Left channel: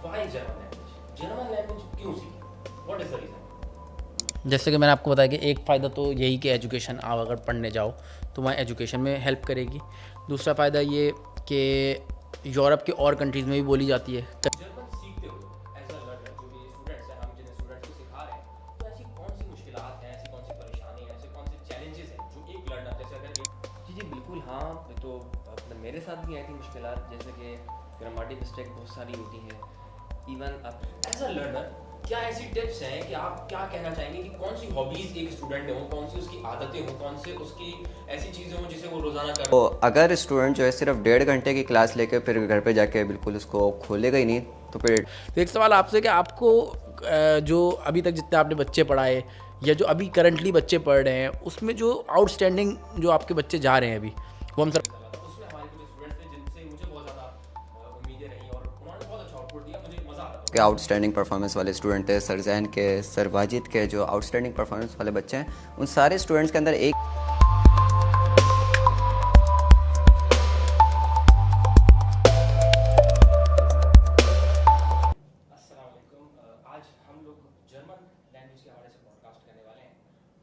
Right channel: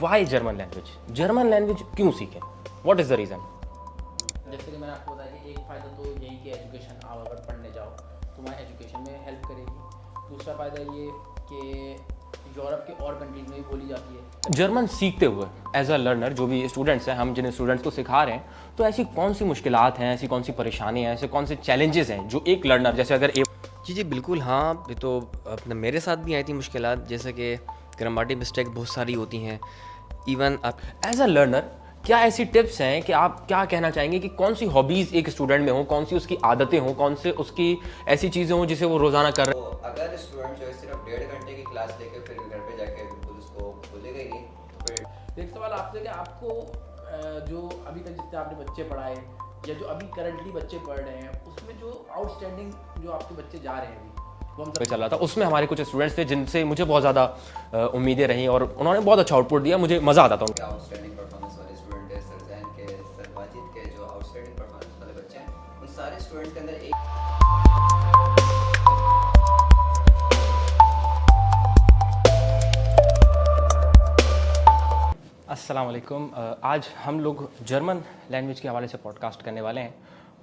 Y German language? German language क्यों सीखें? What is the reason? जैसे कि मैंने आपको बताया कि एक फ़ायदा तो यही कि एजुकेशन आप अगर पढ़ने जाओ तो वहाँ एजुकेशन में हेल्प करेगी। दूसरा फ़ायदा ये कि यूरोप के और कंट्रीज़ में भी बोली जाती है। जर्मन सीखते हुए एज अ लर्नर, जो भी स्टूडेंट्स हैं, हम जिन स्टूडेंट्स को सिखा रहे हैं, तो ऐसी कौन सी मुश्किलात हैं, ऐसी कौन सी परेशानियाँ हैं, ऐसे कौन से चैलेंजेस हैं जो एक लर्नर जैसे अगर जी जी बिल्कुल, हाँ, ये तो अपने मेरे साथ भी आई थी मुश्किलात, जैसे कि ग्रामेटिक मिस्टेक बहुत सारी होती हैं। इवन आप एज अ लर्नर क्या ऐसी टिप्स हैं कि आप क्या कहना चाहेंगे कि कौन सी हॉबीज़ एक स्टूडेंट में हो, कौन सी उसकी आदतें हों, कौन से उसकी ऐसी चीज़ें हों जिसे वो रोज़ाना कर तो अगर स्टूडेंट जो है सिर्फ 1.5 घंटे की क्लास लेके फिर घर पे जाके बिल्कुल उसको खोलेगा ही नहीं, तो फिर तो एक सवाल आपसे कि आपको जो अभी तक जितने आपने बच्चे पढ़ाए या जो अभी करंटली बच्चे पढ़ रहे हैं उसमें जो आउटस्टैंडिंग जो आपके बच्चे जा रहे हैं अभी वो हम सब चल रहा था, उसमें हमारे कुछ स्टूडेंट्स थे जिनसे मुझे बहुत ज़्यादा उम्मीदें रहीं और उन्होंने बहुत अच्छा आउटपुट दिया, मुझे मज़ा आता था के आउटस्टैंडिंग परफॉर्मेंस वाले स्टूडेंट थे, सर जैन के, सर वाजिद के, जो आउटस्टैंडिंग परफॉर्मेंस वाले बच्चे हैं, उन सारे स्टूडेंट्स के अंदर एक अस्सलाम वालेकुम। आज हम लोग जर्मन लैंग्वेज के हवाले से पॉडकास्ट करने वाले हैं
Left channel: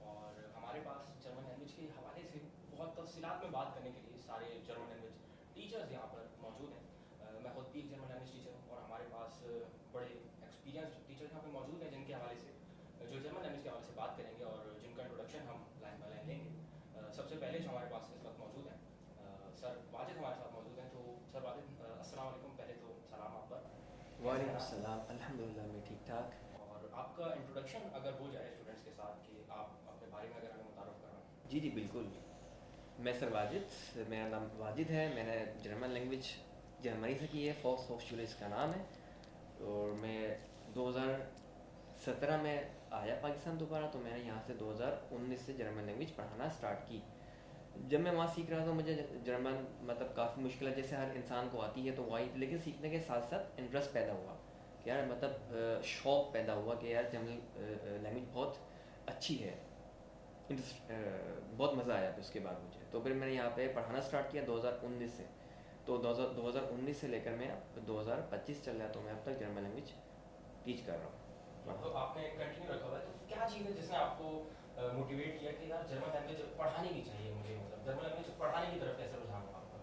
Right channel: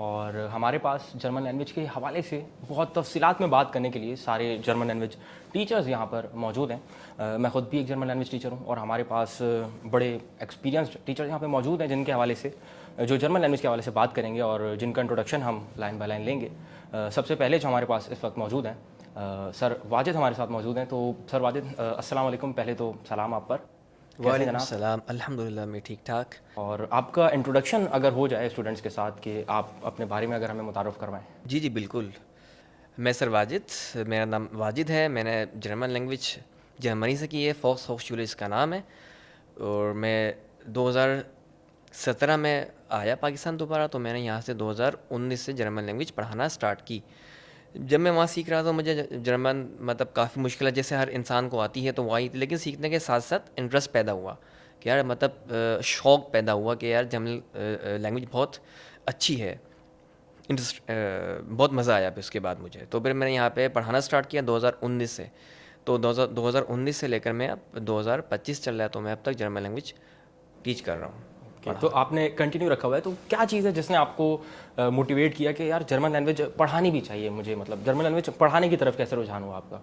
और हमारे पास जर्मन लैंग्वेज के हवाले से बहुत तफसीलात में बात करने के लिए सारे जर्मन लैंग्वेज टीचर्स यहाँ पर मौजूद हैं। मैं ख़ुद भी एक जर्मन लैंग्वेज टीचर हूँ और हमारे पास बड़े एक्सपीरियंस्ड टीचर्स यहाँ पे मौजूद हैं जिनके हवाले से जो जर्मन लैंग्वेज के हवाले से बात करेंगे और जिनका इंट्रोडक्शन हम लाइन बाय लाइन लेंगे। सबसे पहले जो हमारे पास इस वक्त मौजूद हैं सर वाजिद हमारे साथ मौजूद हैं। तो सर वाजिद, अस्सलाम वालेकुम। पहले तो सलाम आप पर। वालेकुम सलाम, अल्हम्दुलिल्लाह मैं ठीक ठाक। और आपका इंट्रोडक्शन अगर हो जाए स्टूडेंट्स के साथ कि आप अपने बारे में अगर हमें मुतारफ़ करवाएं। जी जी बिल्कुल, मैं सर वाजिद, मेरा नाम वाजिद है। मैंने जर्मन लैंग्वेज जर्मनी से की है, फॉक्स होक्सचुले इसका नाम है। और मैं 2017 में आया पाकिस्तान दोबारा, तो मैंने यहाँ से 2019 से जर्मन लैंग्वेज पढ़ाना स्टार्ट की। जब मैं वहाँ सीख रहा था मुझे जर्मन मतलब काफ़ी मुश्किल है, जैसे हर इंसान को आती है तो वही, लेकिन सीखने के साथ साथ इंटरेस्ट पैदा हुआ कि यार मतलब शौक़ पैदा हुआ कि यार जर्मन लैंग्वेज बहुत अच्छी है। इंटरेस्ट बहुत मज़ा आया फिर उसके बाद मुझे, तो फिर मैंने यहाँ पे पढ़ाना स्टार्ट किया 2019 से। तो 2019 से लेकर मैं अब 2025 चल रहा है, तो मैं अब तक जर्मन लैंग्वेज टीच कर रहा हूँ। तो आपने कंटिन्यू रखा हुआ है, तो क्या चीज़ है जिसने आपको मोटिवेट किया कि यार जर्मन लैंग्वेज पढ़ानी भी चाहिए मुझे, मतलब जर्मन लैंग्वेज पढ़ाने की तरफ कैसे रुझान हुआ आपका?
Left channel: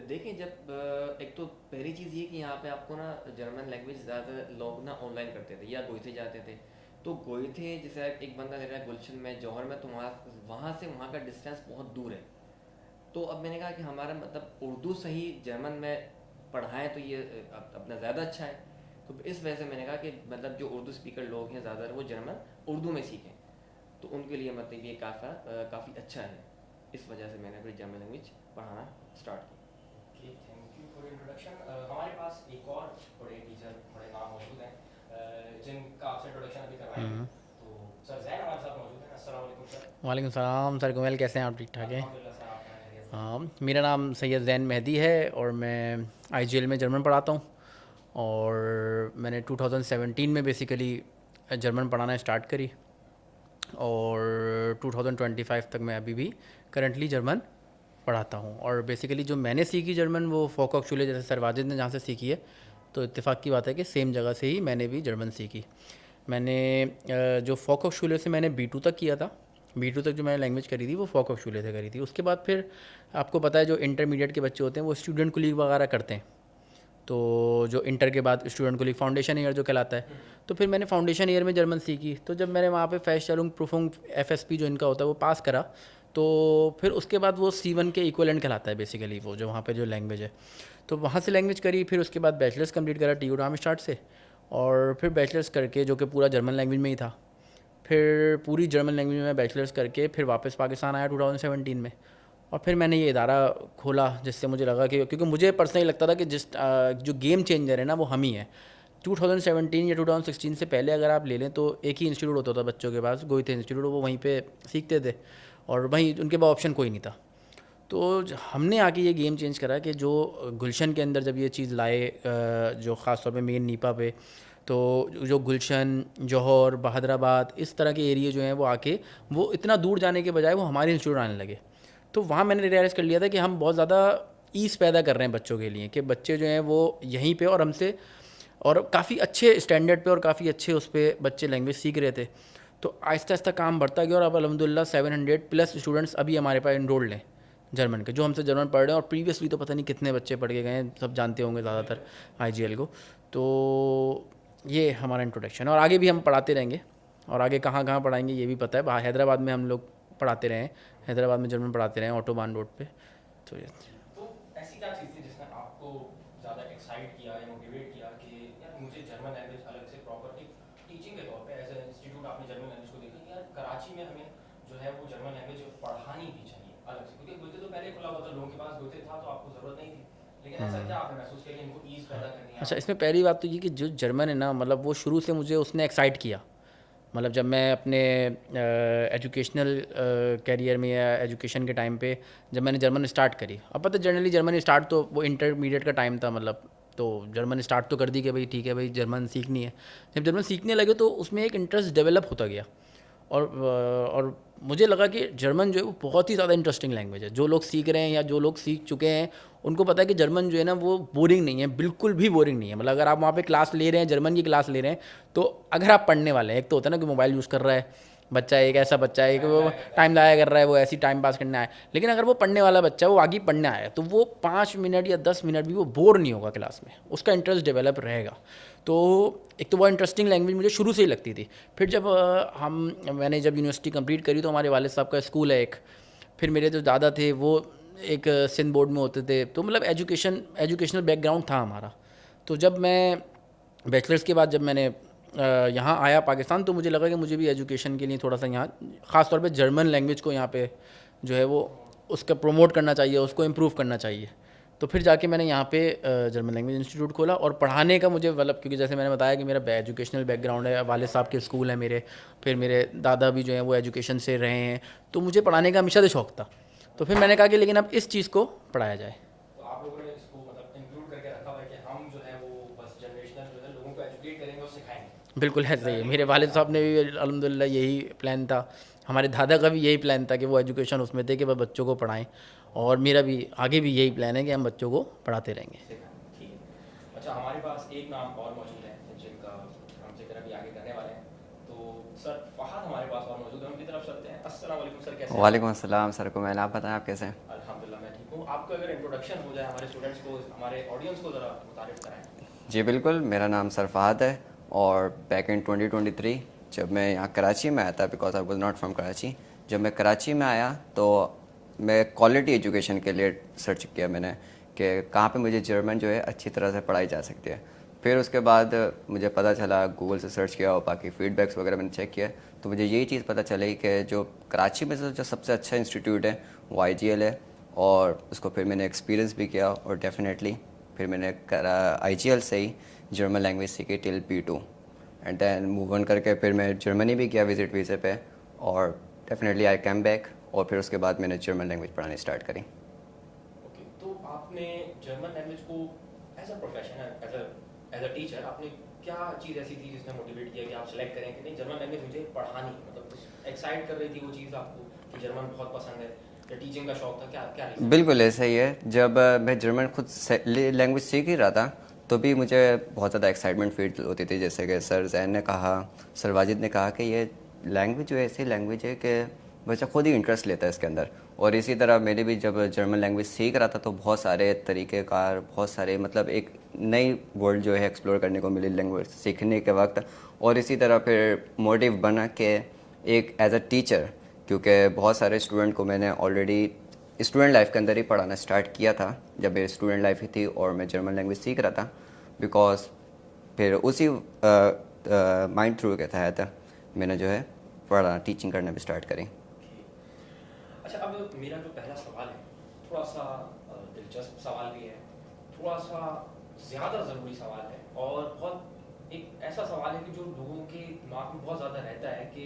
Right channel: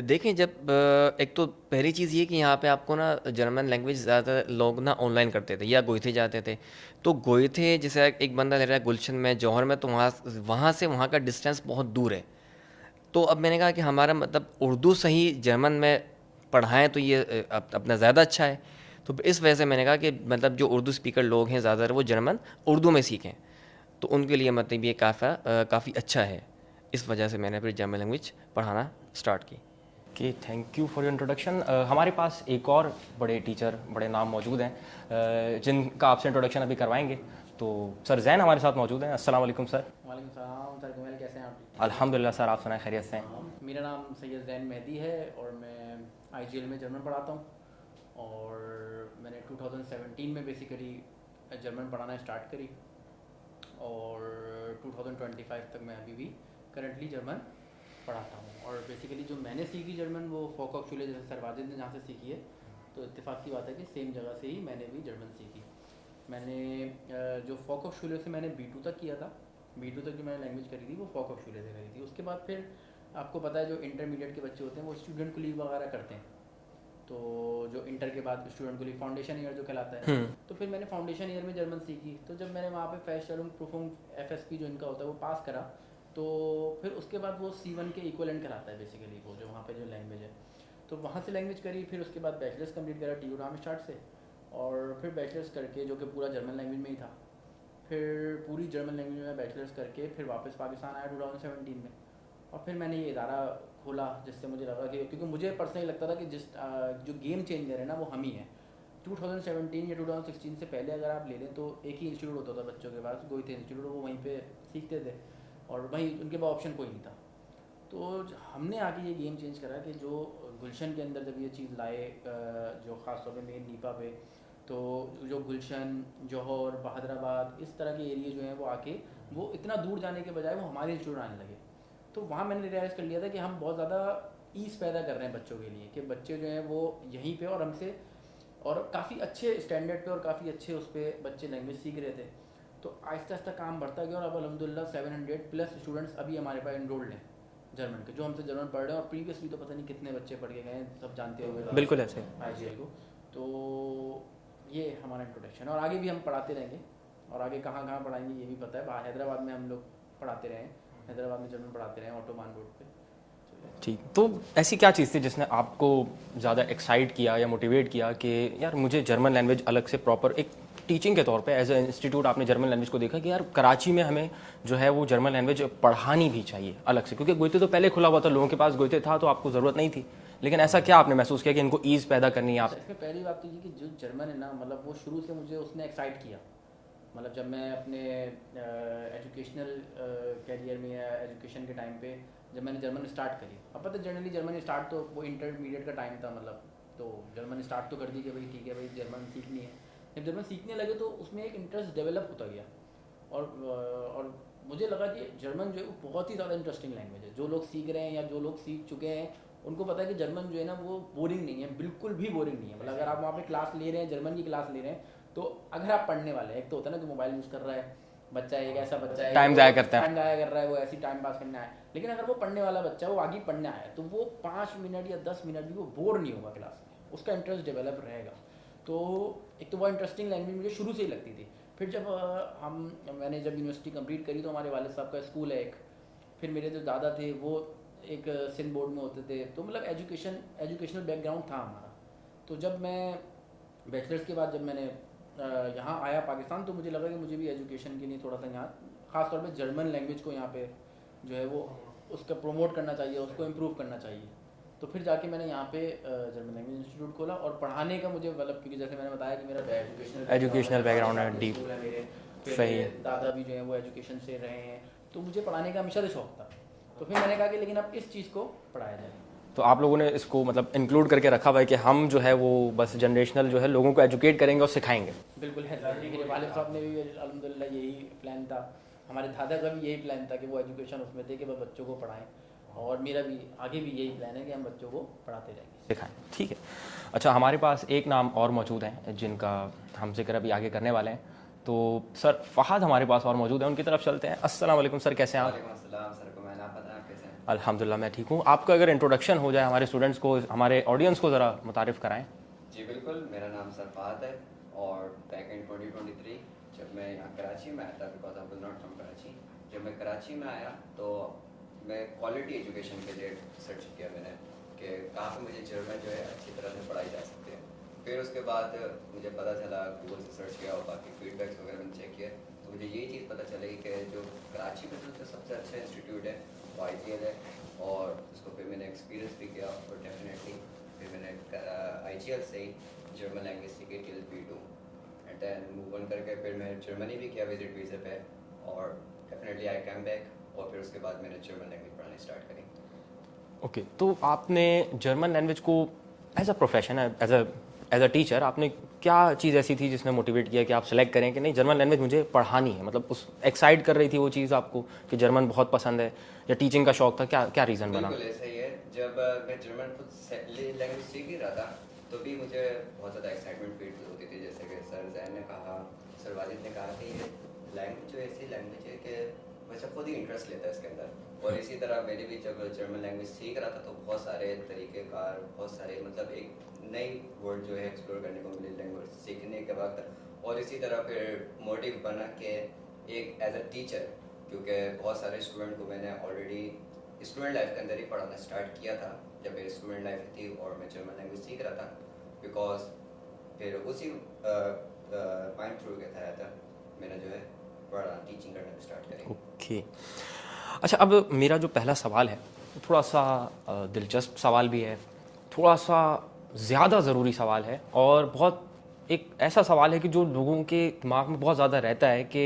देखें, जब एक तो पहली चीज़ ये कि यहाँ पे आपको ना जर्मन लैंग्वेज ज़्यादा लोग ना ऑनलाइन करते थे या गोइथे जाते थे। तो गोइथे जैसे एक बंदा रह रहा है गुलशन में, जौहर में, तो वहाँ से वहाँ का डिस्टेंस बहुत दूर है। तो अब मैंने कहा कि हमारा मतलब उर्दू सही जर्मन में पढ़ाएं तो ये अपना ज़्यादा अच्छा है। तो इस वजह से मैंने कहा कि मतलब जो उर्दू स्पीकर लोग हैं ज़्यादातर वो जर्मन उर्दू में सीखें, तो उनके लिए मतलब ये काफ़ी अच्छा है। इस वजह से मैंने फिर जर्मन लैंग्वेज पढ़ाना स्टार्ट की। Okay, thank you for your introduction. हमारे पास एक और बड़े टीचर, बड़े नाम मौजूद हैं जिनका आपसे इंट्रोडक्शन अभी करवाएंगे। तो सर जैन हमारे साथ मौजूद हैं। अस्सलाम वालेकुम सर। वालेकुम सलाम सर गुमैल, कैसे हैं आप? ठीक ठाक हैं? अल्हम्दुलिल्लाह सर, आप सुनाए खैरियत से हैं? हाँ, मेरा नाम सैयद ज़ैन मेहदी है और मैं IGL में जर्मन पढ़ाता हूँ। और मैंने 2017 में बेसिकली जर्मन पढ़ाना स्टार्ट करी और 2025 तक मैं अभी भी करंटली जर्मन पढ़ाता हूँ। और बेसिकली जो मैंने सीखी जर्मन वो फोकॉक्चुले, जैसे सर वाजिद ने जहाँ से सीखी है, तो इत्तेफाक की बात है कि सेम जगह से ही मैंने भी जर्मन सीखी। मैंने जो फोकॉक्चुले से मैंने B2 तक किया था, B2 तक जो मैंने लैंग्वेज करी थी वो फोकॉक्चुले से करी थी। उसके बाद फिर आपको पता है जो इंटरमीडिएट के बच्चे होते हैं वो स्टूडेंट कुलीग वगैरह करते हैं, तो जो इंटर के बाद स्टूडेंट कुलीग फाउंडेशन ईयर जो कहलाता है, तो फिर मैंने फाउंडेशन ईयर में जर्मन सीखी। तो जब मैंने वहाँ पे फेस्टलुंग प्रूफुंग FSP जो इनका होता है वो पास करा, तो फिर उसके बाद वो C1 के इक्वलेंट कहलाता है बेसिकली, वो जो वहाँ पे जो लैंग्वेज है। तो वहाँ से लैंग्वेज करी, फिर उसके बाद बैचलर्स कंप्लीट करा TU डार्मस्टार्ट से, और फिर बैचलर्स करके जो कि पूरा जर्मन लैंग्वेज में ही था, फिर पूरी जर्मन लैंग्वेज में बैचलर्स करके फिर वापस पाकिस्तान आया 2017 में। और फिर मैंने ये इदारा खोला जिससे मुझे लगा कि, क्योंकि मुझे पर्सनली लगता था कि जो गेम चेंजर है ना वो हम ही हैं। 2017 या 2016 से पहले अगर आप ले लें तो एक ही इंस्टीट्यूट होता था बच्चों के पास, गोइथे इंस्टीट्यूट, वो वहीं पे सीखते थे और वहीं उनके पास ऑप्शन कोई नहीं था। तो हमने आके ये गेम चेंज करा कि जो गुलशन के अंदर जब ये चीज़ लाए, जो ख़ास तौर पे मेन नीपा पे, तो जो गुलशन, जौहर, बहादराबाद, इस तरह के एरिया जो हैं वो आके वो इतना दूर जाने के बजाय वो हमारे इंस्टीट्यूट आने लगे। तो वहाँ मैंने रियलाइज़ कर लिया था कि हम बहुत ज़्यादा ईज़ पैदा कर रहे हैं बच्चों के लिए, कि बच्चे जो हैं वो यहीं पे और हमसे और काफ़ी अच्छे स्टैंडर्ड पे और काफ़ी अच्छे उस पर बच्चे लैंग्वेज सीख रहे थे। तो आहिस्ता आहिस्ता काम बढ़ता गया और अब अलहमदिल्ला 700 प्लस स्टूडेंट्स अभी हमारे पास इनरोल्ड हैं जर्मन के, जो हमसे जर्मन पढ़ रहे हैं। और प्रीवियसली तो पता नहीं कितने बच्चे पढ़ के गए हैं, सब जानते होंगे बिल्कुल ज़्यादातर IGL को। तो ये हमारा इंट्रोडक्शन है और आगे भी हम पढ़ाते रहेंगे और आगे कहाँ कहाँ पढ़ाएंगे ये भी पता है। हैदराबाद में हम लोग पढ़ाते रहे हैं, हैदराबाद में जर्मन पढ़ाते रहे हैं ऑटोबान रोड पे। तो ठीक, तो ऐसी क्या चीज़ थी जिसने आपको ज़्यादा एक्साइट किया या मोटिवेट किया कि यार मुझे जर्मन लैंग्वेज अलग से प्रॉपर एक टीचिंग के तौर पे एज ए इंस्टीट्यूट आपने जर्मन लैंग्वेज को देखा कि यार कराची में हमें जो है वो जर्मन लैंग्वेज पढ़ानी भी चाहिए अलग से, क्योंकि गोइते तो पहले खुला हुआ था, लोगों के पास गोइते था तो आपको ज़रूरत नहीं थी, लेकिन ऐसा क्या आपने महसूस किया कि इनको ईज़ पैदा करनी है? अच्छा, इसमें पहली बात तो ये कि जो जर्मन है ना, मतलब वो शुरू से मुझे उसने एक्साइट किया। मतलब जब मैं अपने एजुकेशनल कैरियर में या एजुकेशन के टाइम पे जब मैंने जर्मन स्टार्ट करी, अब पता जनरली जर्मन स्टार्ट तो वो इंटरमीडिएट का टाइम था, मतलब तो जर्मन स्टार्ट तो कर दी कि भाई ठीक है भाई जर्मन सीखनी है। जब जर्मन सीखने लगे तो उसमें एक इंटरेस्ट डेवलप होता गया और मुझे लगा कि जर्मन जो है वो बहुत ही ज़्यादा इंटरेस्टिंग लैंग्वेज है। जो लोग सीख रहे हैं या जो लोग सीख चुके हैं उनको पता है कि जर्मन जो है ना वो बोरिंग नहीं है, बिल्कुल भी बोरिंग नहीं है। मतलब अगर आप वहाँ पे क्लास ले रहे हैं, जर्मन की क्लास ले रहे हैं, तो अगर आप पढ़ने वाले हैं, एक तो होता है ना कि मोबाइल यूज़ कर रहा है बच्चा, एक ऐसा बच्चा है टाइम ज़ाया करता है, टाइम ज़ाया कर रहा है, वो ऐसी टाइम पास करने आया। लेकिन अगर वो पढ़ने वाला बच्चा है, वो आगे पढ़ने आया है, तो वो 5 मिनट या 10 मिनट भी वो बोर नहीं होगा क्लास में, उसका इंटरेस्ट डेवलप रहेगा। तो एक तो वो इंटरेस्टिंग लैंग्वेज मुझे शुरू से ही लगती थी। फिर जब मैंने जब यूनिवर्सिटी कंप्लीट करी तो हमारे वालिद साहब का स्कूल है एक, फिर मेरे जो दादा थे वो एक सिंध बोर्ड में होते थे, तो मतलब एजुकेशनल बैकग्राउंड था हमारा। तो जब मैं बैचलर्स के बाद जब मैंने यहाँ आया पाकिस्तान, तो मुझे लगा कि मुझे भी एजुकेशन के लिए थोड़ा सा यहाँ ख़ास तौर पे जर्मन लैंग्वेज को यहाँ पे जो है वो उसका प्रमोट करना चाहिए, उसको इम्प्रूव करना चाहिए। तो फिर जाके मैंने यहाँ पे जर्मन लैंग्वेज इंस्टीट्यूट खोला और पढ़ाने का मुझे मतलब, क्योंकि जैसे मैंने बताया कि मेरा एजुकेशनल बैकग्राउंड है, वालिद साहब के स्कूल है मेरे, फिर मेरे दादा भी जो हैं वो एजुकेशन से रहे हैं, तो मुझे पढ़ाने का हमेशा से शौक़ था। तो फिर मैंने कहा कि लेकिन अब इस चीज़ को पढ़ाया जाए। तो आप लोगों ने इसको मतलब इंक्लूड करके रखा हुआ है कि हम जो है वो बस जनरेशनल जो है लोगों को एजुकेट करेंगे और सिखाएंगे। बिल्कुल है, सही है। मेरे वालिद साहब ने भी अल्हम्दुलिल्लाह यही प्लान था, हमारे दादा का भी यही प्लान था कि वो एजुकेशन उसमें थे कि वह बच्चों को पढ़ाएं, और मेरा भी आगे भी यही प्लान है कि हम बच्चों को पढ़ाते रहेंगे, सिखाएं। ठीक है, अच्छा हमारे पास एक नाम और मौजूद है जिनका हम जिक्र अभी आगे करने वाले हैं। तो सर फ़हाद हमारे पास और मौजूद है, उनकी तरफ चलते हैं। अस्सलाम वालेकुम सर, कैसे हैं? वालेकुम अस्सलाम सर को मैन, आप बताएं आप कैसे हैं? अल्हम्दुलिल्लाह मैं ठीक हूँ। आपका अगर इंट्रोडक्शन हो जाए हमारे स्टूडेंट्स को, हमारे ऑडियंस को ज़रा मुतारिफ़ कराएं। जी बिल्कुल, मेरा नाम सर फ़हाद है और बैक इन 2023 जब मैं यहाँ कराची में आया था, because I was not from Karachi, जब मैं कराची में आया तो मैं क्वालिटी एजुकेशन के लिए सर्च किया मैंने कि कहाँ पे मुझे जर्मन जो है अच्छी तरह से पढ़ाई जा सकती है। फिर उसके बाद मुझे पता चला, गूगल से सर्च किया और बाकी फीडबैक्स वगैरह मैंने चेक किया, तो मुझे यही चीज़ पता चली कि जो कराची में से जो सबसे अच्छा इंस्टीट्यूट है वो IGL है, और उसको फिर मैंने एक्सपीरियंस भी किया और डेफिनेटली फिर मैंने IGL से ही जर्मन लैंग्वेज सीखी till P2 and then move on करके फिर मैं जर्मनी भी गया विज़िट वीज़े पे, और डेफिनेटली आई कैम बैक, और फिर उसके बाद मैंने जर्मन लैंग्वेज पढ़ानी स्टार्ट करी। ओके, तो आपने जर्मन लैंग्वेज को as a profession, as a teacher, आपने क्या चीज़ ऐसी थी जिसने मोटिवेट किया कि आप सेलेक्ट करें कि नहीं जर्मन लैंग्वेज मुझे पढ़ानी है? मतलब उस एक्साइट कर रही थी वो चीज़ आपको कि जर्मन बहुत पसंद है, या टीचिंग का शौक था, क्या क्या रीज़न? बिल्कुल ऐसा ही है। जब मैं जर्मन खुद लैंग्वेज सीख ही रहा था तो भी मुझे बहुत ज़्यादा एक्साइटमेंट फील होती थी, जैसे कि सर जैन ने कहा, सर वाजिद ने कहा कि ये लैंग्वेज जो है ऐसी लैंग्वेज है कि बच्चा खुद ही इंटरेस्ट लेता है इसके अंदर। और इसी तरह मैंने भी जब जर्मन लैंग्वेज सीख रहा था तो बहुत सारे तरीक़ेकार, बहुत सारे मतलब एक नई वर्ल्ड जो है एक्सप्लोर करने को मिली लैंग्वेज सीखने के वक्त। और इसी तरह फिर मोटिव बना कि एक एज अ टीचर, क्योंकि बहुत सारे स्टूडेंट को मैंने ऑलरेडी स्टूडेंट लाइफ के अंदर ही पढ़ाना स्टार्ट किया था जब मेरी स्टूडेंट लाइफ ही थी और मैं जर्मन लैंग्वेज सीख रहा था, बिकॉज फिर उसी माइंड थ्रू के तहत मैंने जो है पढ़ाना टीचिंग करना भी स्टार्ट करी। ओके, अच्छा अब मेरा जो पहला सवाल है थोड़ा सा दिलचस्प सवाल भी है, थोड़ा सा ज़्यादा ज़रूरी सवाल है, और बहुत एक ऐसा सवाल है कि जो लोगों के दिमाग में बहुत ज़्यादा रहता है कि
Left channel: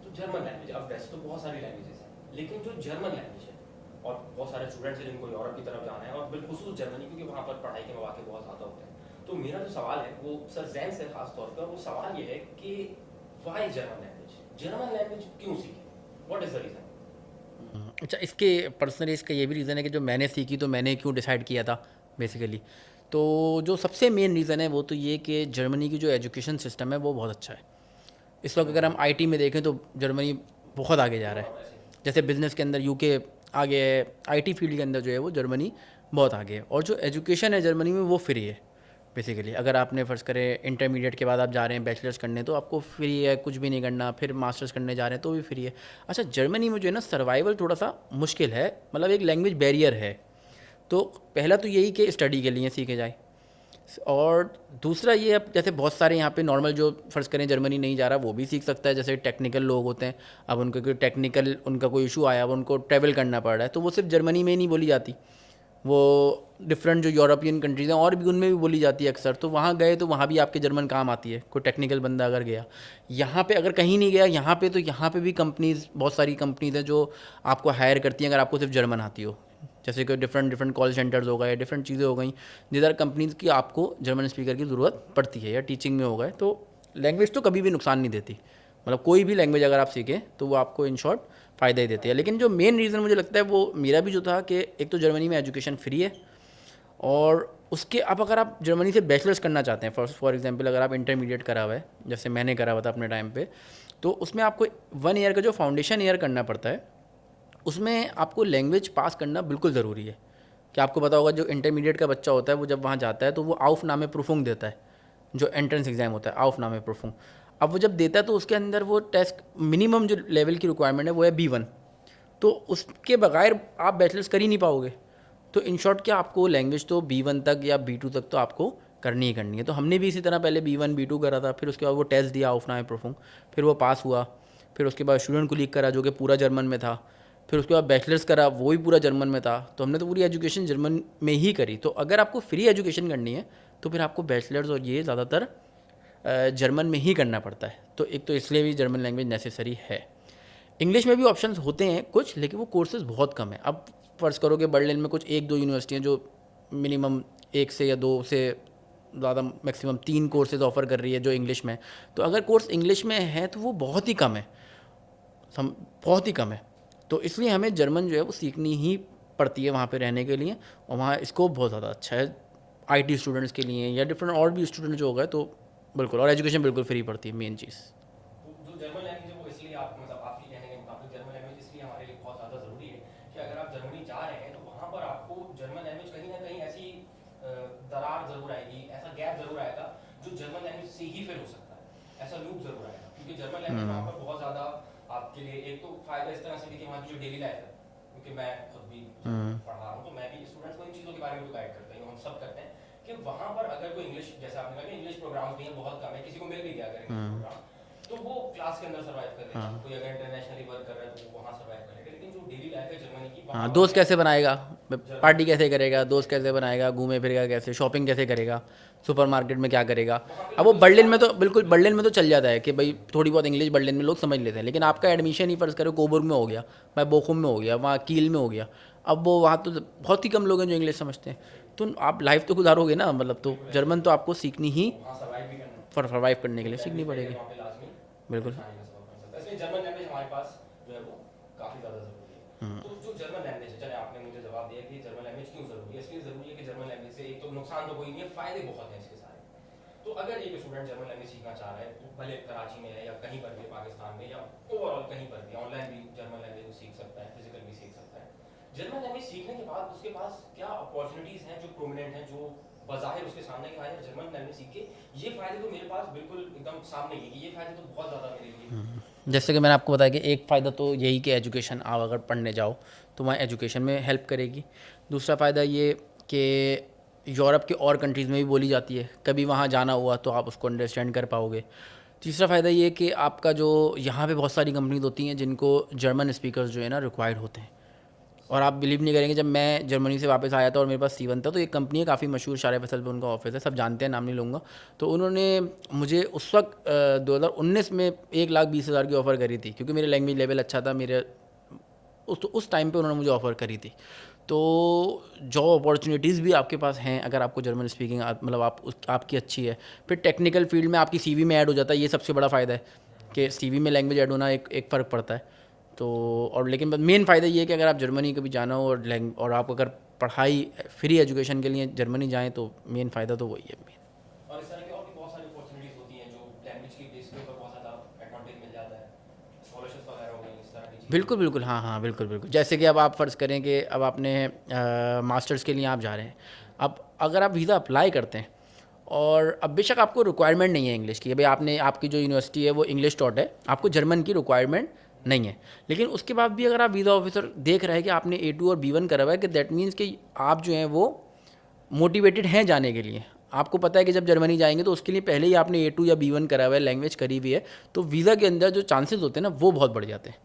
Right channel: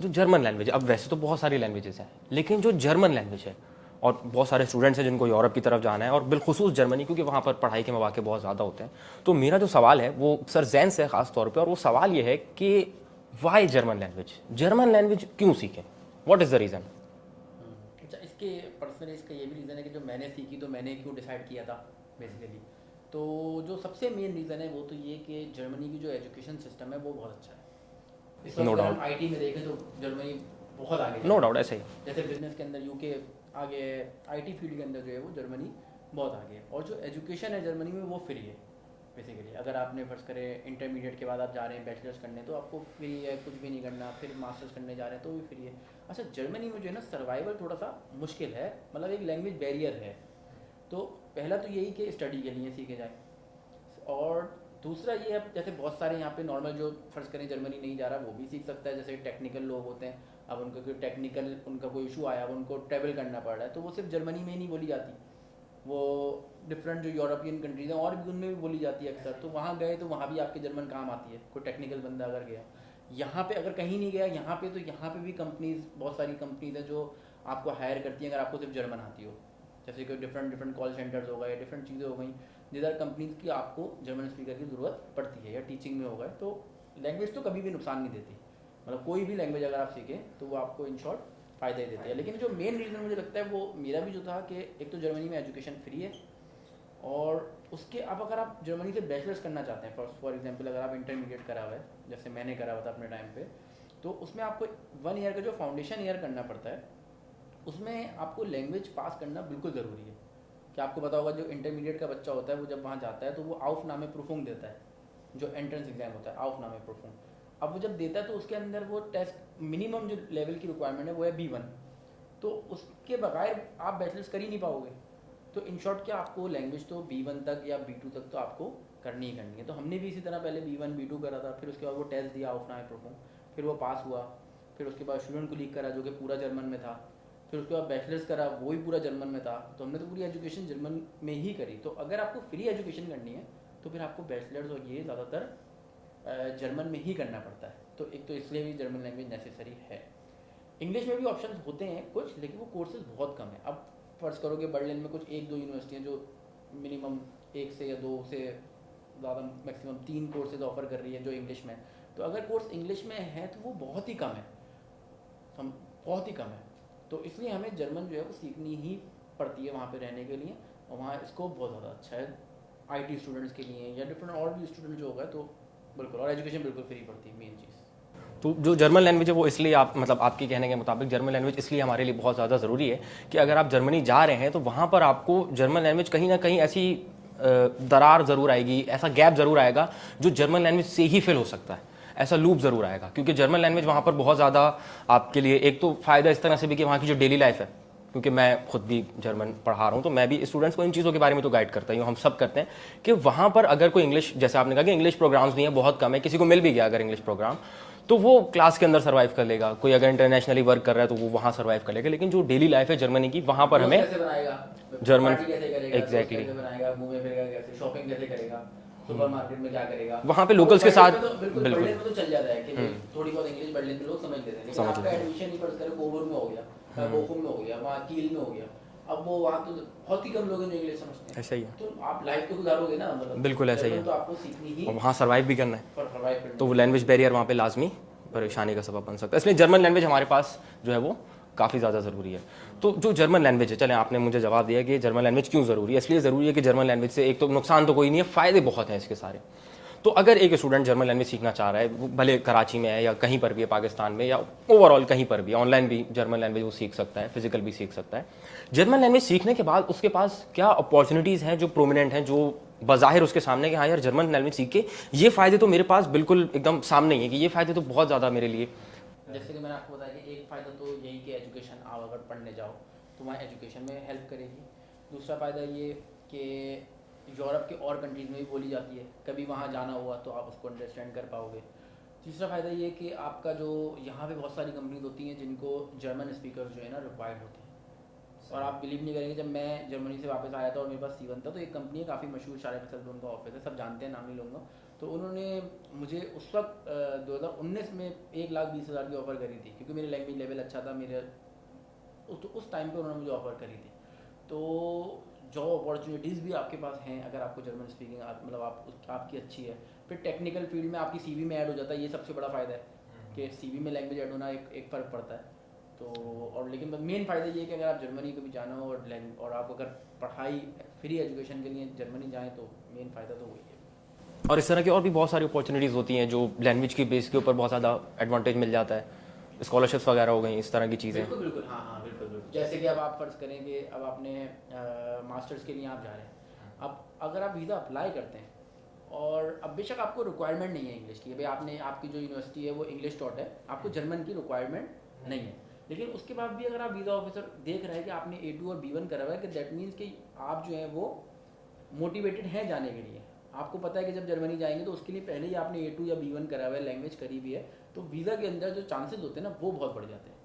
जो जर्मन लैंग्वेज, अब वैसे तो बहुत सारी लैंग्वेजेस हैं, लेकिन जो जर्मन लैंग्वेज है, और बहुत सारे स्टूडेंट्स हैं जिनको यूरोप की तरफ जाना है और बिलखुसूस जर्मनी, क्योंकि वहाँ पर पढ़ाई के मौके बहुत ज़्यादा होते हैं। तो मेरा जो सवाल है वो सर जैन से ख़ास तौर पे, और वो सवाल ये है कि वाई जर्मन लैंग्वेज क्यों सीखें, व्हाट इज़ द रीज़न? अच्छा, इसके पर्सनली इसका ये भी रीज़न है कि जो मैंने सीखी तो मैंने क्यों डिसाइड किया था बेसिकली। तो जो सबसे मेन रीज़न है वो तो ये कि जर्मनी की जो एजुकेशन सिस्टम है वो बहुत अच्छा है। इस वक्त अगर हम आईटी में देखें तो जर्मनी बहुत आगे जा रहा नो है। डाउट ऐसे ही। जैसे बिजनेस के अंदर यूके आगे है, आईटी फील्ड के अंदर जो है वो जर्मनी बहुत आगे है। और जो एजुकेशन है जर्मनी में वो फ्री है बेसिकली। अगर आपने फ़र्ज़ करें इंटरमीडिएट के बाद आप जा रहे हैं बैचलर्स करने तो आपको फ्री है, कुछ भी नहीं करना, फिर मास्टर्स करने जा रहे हैं तो भी फ्री है। अच्छा, जर्मनी में जो है ना सर्वाइवल थोड़ा सा मुश्किल है, मतलब एक लैंग्वेज बैरियर है। तो पहला तो यही कि स्टडी के लिए सीखे जाए, और दूसरा ये अब जैसे बहुत सारे यहाँ पे नॉर्मल जो फ़र्ज़ करें जर्मनी नहीं जा रहा वो भी सीख सकता है। जैसे टेक्निकल लोग होते हैं, अब उनको कोई टेक्निकल उनका कोई इशू आया, अब उनको ट्रैवल करना पड़ रहा है, तो वो सिर्फ जर्मनी में ही नहीं बोली जाती, वो डिफरेंट जो यूरोपियन कंट्रीज़ हैं और भी उनमें भी बोली जाती है अक्सर। तो वहाँ गए तो वहाँ भी आपके जर्मन काम आती है। कोई टेक्निकल बंदा अगर गया, यहाँ पे अगर कहीं नहीं गया, यहाँ पे तो यहाँ पे भी कंपनीज़, बहुत सारी कंपनीज़ हैं जो आपको हायर करती हैं अगर आपको सिर्फ जर्मन आती हो। जैसे कि डिफरेंट कॉल सेंटर्स हो गए, डिफरेंट चीज़ें हो गई जिधर कंपनीज़ की आपको जर्मन स्पीकर की ज़रूरत पड़ती है, या टीचिंग में हो गए। तो लैंग्वेज तो कभी भी नुकसान नहीं देती, मतलब कोई भी लैंग्वेज अगर आप सीखें तो वो आपको इन शॉर्ट फ़ायदा ही देती है। लेकिन जो मेन रीज़न मुझे लगता है वो मेरा भी जो था कि एक तो जर्मनी में एजुकेशन फ्री है, और उसके अब अगर आप जर्मनी से बैचलर्स करना चाहते हैं, फॉर एग्जांपल अगर आप इंटरमीडिएट करा हुआ है जैसे मैंने करा हुआ था अपने टाइम पे, तो उसमें आपको 1 ईयर का जो फाउंडेशन ईयर करना पड़ता है, उसमें आपको लैंग्वेज पास करना बिल्कुल ज़रूरी है। कि आपको पता होगा जो इंटरमीडिएट का बच्चा होता है वो जब वहाँ जाता है तो वो आउफ नामे प्रूफुंग देता है, जो एंट्रेंस एग्ज़ाम होता है आउफ नामे प्रूफुंग। अब वो जब देता है तो उसके अंदर वो टेस्ट मिनिमम जो लेवल की रिक्वायरमेंट है वो है B1, तो उसके बगैर आप बैचलर्स कर ही नहीं पाओगे। तो इन शॉर्ट क्या आपको लैंग्वेज तो B1 तक या B2 तक तो आपको करनी ही करनी है। तो हमने भी इसी तरह पहले B1 B2 करा था, फिर उसके बाद वो टेस्ट दिया आउफ नामे प्रूफुंग, फिर वो पास हुआ, फिर उसके बाद स्टूडेंट को लीक करा जो कि पूरा जर्मन में था, फिर उसके बाद बैचलर्स करा वो भी पूरा जर्मन में था। तो हमने तो पूरी एजुकेशन जर्मन में ही करी। तो अगर आपको फ्री एजुकेशन करनी है तो फिर आपको बैचलर्स और ये ज़्यादातर जर्मन में ही करना पड़ता है। तो एक तो इसलिए भी जर्मन लैंग्वेज नेसेसरी है। इंग्लिश में भी ऑप्शंस होते हैं कुछ, लेकिन वो कोर्सेज बहुत कम है। अब फ़र्ज़ करो कि बर्लिन में कुछ 1-2 यूनिवर्सिटियाँ जो मिनिमम 1 से या 2 से ज़्यादा मैक्सिमम 3 कोर्सेज ऑफ़र कर रही है जो इंग्लिश में। तो अगर कोर्स इंग्लिश में है तो वो बहुत ही कम है, बहुत ही कम है। तो इसलिए हमें जर्मन जो है वो सीखनी ही पड़ती है वहाँ पे रहने के लिए, और वहाँ स्कोप बहुत ज़्यादा अच्छा है आईटी स्टूडेंट्स के लिए या डिफरेंट और भी स्टूडेंट जो हो गए, तो बिल्कुल। और एजुकेशन बिल्कुल फ्री पड़ती है, मेन चीज़। तो जो जर्मन लैंग्वेज है वो इसलिए आप मतलब आपके कहने के मुताबिक जर्मन लैंग्वेज इसलिए हमारे लिए बहुत ज़्यादा ज़रूरी है कि अगर आप जर्मनी जा रहे हैं तो वहाँ पर आपको जर्मन लैंग्वेज कहीं ना कहीं ऐसी दरार ज़रूर आएगी, ऐसा गैप ज़रूर आएगा जो जर्मन लैंग्वेज से ही फिल हो सकता है, ऐसा लूप ज़रूर आएगा। क्योंकि जर्मन लैंग्वेज वहाँ पर बहुत ज़्यादा आपके लिए एक तो फ़ायदा इस तरह से भी कि वहाँ की जो डेली लाइफ है, क्योंकि मैं खुद भी जर्मन पढ़ा रहा हूँ तो मैं भी स्टूडेंट्स को इन चीज़ों के बारे में तो गाइड करता ही हूँ, हम सब करते हैं कि वहाँ पर अगर कोई इंग्लिश, जैसे आपने कहा कि इंग्लिश प्रोग्राम्स नहीं है, बहुत कम है, किसी को मिल भी गया अगर इंग्लिश प्रोग्राम तो वो क्लास के अंदर सर्वाइव कर लेगा। कोई अगर इंटरनेशनली वर्क कर रहा है तो वो वहाँ सर्वाइव कर लेगा। लेकिन जो डेली लाइफ है जर्मनी की, वहाँ पर दोस्त कैसे बनाएगा, पार्टी कैसे करेगा, Exactly. दोस्त कैसे बनाएगा, घूमे फिरेगा कैसे, शॉपिंग कैसे करेगा, सुपरमार्केट में क्या करेगा। वहाँ पे अब वो लोकल्स के बर्लिन साथ में तो बिल्कुल बर्लिन में तो चल जाता है कि भाई थोड़ी बहुत इंग्लिश बर्लिन में लोग समझ लेते हैं। लेकिन आपका एडमिशन ही फर्ज करो कोबोर में हो गया, मैं बोखुम में हो गया, वहाँ कील में हो गया, अब वो वहाँ तो बहुत ही कम लोग हैं जो इंग्लिश समझते हैं। ऐसा ही है। तो आप लाइफ तो गुजारोगे ना, मतलब बिल्कुल ऐसा ही जर्मन है। तो आपको सीखनी ही वहाँ सर्वाइव भी करना है फॉर सर्वाइव करने तो के वो लिए। लैंग्वेज बैरियर वहाँ पे लाजमी परेशानी का सबब बन सकता है। इसलिए जर्मन लैंग्वेज हमारे पास जो है वो काफ़ी ज़्यादा ज़रूरी है। तो जो जर्मन लैंग्वेज है, चलें आपने मुझे जवाब दिया कि जर्मन लैंग्वेज क्यों ज़रूरी है। इसलिए ज़रूरी है कि जर्मन लैंग्वेज से एक तो नुकसान तो कोई नहीं है, फ़ायदे बहुत हैं इसके सारे। तो अगर एक स्टूडेंट जर्मन लैंग्वेज सीखना चाह रहा है, वो भले कराची में है या कहीं पर भी है पाकिस्तान में, या ओवरऑल कहीं पर भी ऑनलाइन भी जर्मन लैंग्वेज वो सीख सकता है, फिजिकल भी सीख सकता है। जर्मन लैंग्वेज सीखने के बाद उसके पास क्या अपॉर्चुनिटीज़ हैं जो प्रोमिनेंट हैं, जो बज़ाहिर उसके सामने कि हाँ यार जर्मन लैंग्वेज सीख के ये फ़ायदे तो मेरे पास बिल्कुल एकदम सामने ही है कि ये फ़ायदे तो बहुत ज़्यादा मेरे लिए। जैसे कि मैंने आपको बताया कि एक फ़ायदा तो यही कि एजुकेशन आप अगर पढ़ने जाओ तो वहाँ एजुकेशन में हेल्प करेगी। दूसरा फ़ायदा ये कि यूरोप के और कंट्रीज़ में भी बोली जाती है, कभी वहाँ जाना हुआ तो आप उसको अंडरस्टैंड कर पाओगे। तीसरा फ़ायदा ये कि आपका जो यहाँ पे बहुत सारी कंपनीज होती हैं जिनको जर्मन स्पीकर्स जो है ना रिक्वायर्ड होते हैं। और आप बिलीव नहीं करेंगे, जब मैं जर्मनी से वापस आया था और मेरे पास C1 था, तो एक कंपनी है काफ़ी मशहूर, शारे फैसल पे उनका ऑफिस है, सब जानते हैं, नाम नहीं लूँगा। तो उन्होंने मुझे उस वक्त 2019 में 1,20,000 की ऑफ़र करी थी, क्योंकि मेरे लैंग्वेज लेवल अच्छा था, मेरे उस टाइम पे उन्होंने मुझे ऑफ़र करी थी। तो जॉब अपॉर्चुनिटीज़ भी आपके पास हैं अगर आपको जर्मन स्पीकिंग मतलब आपकी अच्छी है। फिर टेक्निकल फील्ड में आपकी CV में ऐड हो जाता है, ये सबसे बड़ा फ़ायदा है कि CV में लैंग्वेज ऐड होना एक फ़र्क पड़ता है। तो और लेकिन मेन फ़ायदा ये है कि अगर आप जर्मनी कभी जाना हो और आप अगर पढ़ाई फ्री एजुकेशन के लिए जर्मनी जाएँ तो मेन फ़ायदा तो वही है। और इस तरह की और भी बहुत सारी अपॉर्चुनिटीज़ होती हैं जो लैंग्वेज की बेस के ऊपर बहुत ज़्यादा एडवांटेज मिल जाता है, स्कॉलरशिप्स वगैरह हो गई, इस तरह की चीज़ें। बिल्कुल बिल्कुल, हाँ हाँ, बिल्कुल बिल्कुल। जैसे कि अब आप फ़र्ज़ करें कि अब आपने मास्टर्स के लिए आप जा रहे हैं, अब अगर आप वीज़ा अप्लाई करते हैं और अब बेशक आपको रिक्वायरमेंट नहीं है इंग्लिश की, भाई आपने आपकी जो यूनिवर्सिटी है वो इंग्लिश टॉट है, आपको जर्मन की रिक्वायरमेंट नहीं है, लेकिन उसके बाद भी अगर आप वीज़ा ऑफिसर देख रहे हैं कि आपने A2 और B1 करा हुआ है, कि दैट मीन्स कि आप जो हैं वो मोटिवेटेड हैं जाने के लिए। आपको पता है कि जब जर्मनी जाएंगे तो उसके लिए पहले ही आपने A2 या B1 करा हुआ है, लैंग्वेज करी हुई है, तो वीज़ा के अंदर जो चांसेस होते हैं ना वो बहुत बढ़ जाते हैं।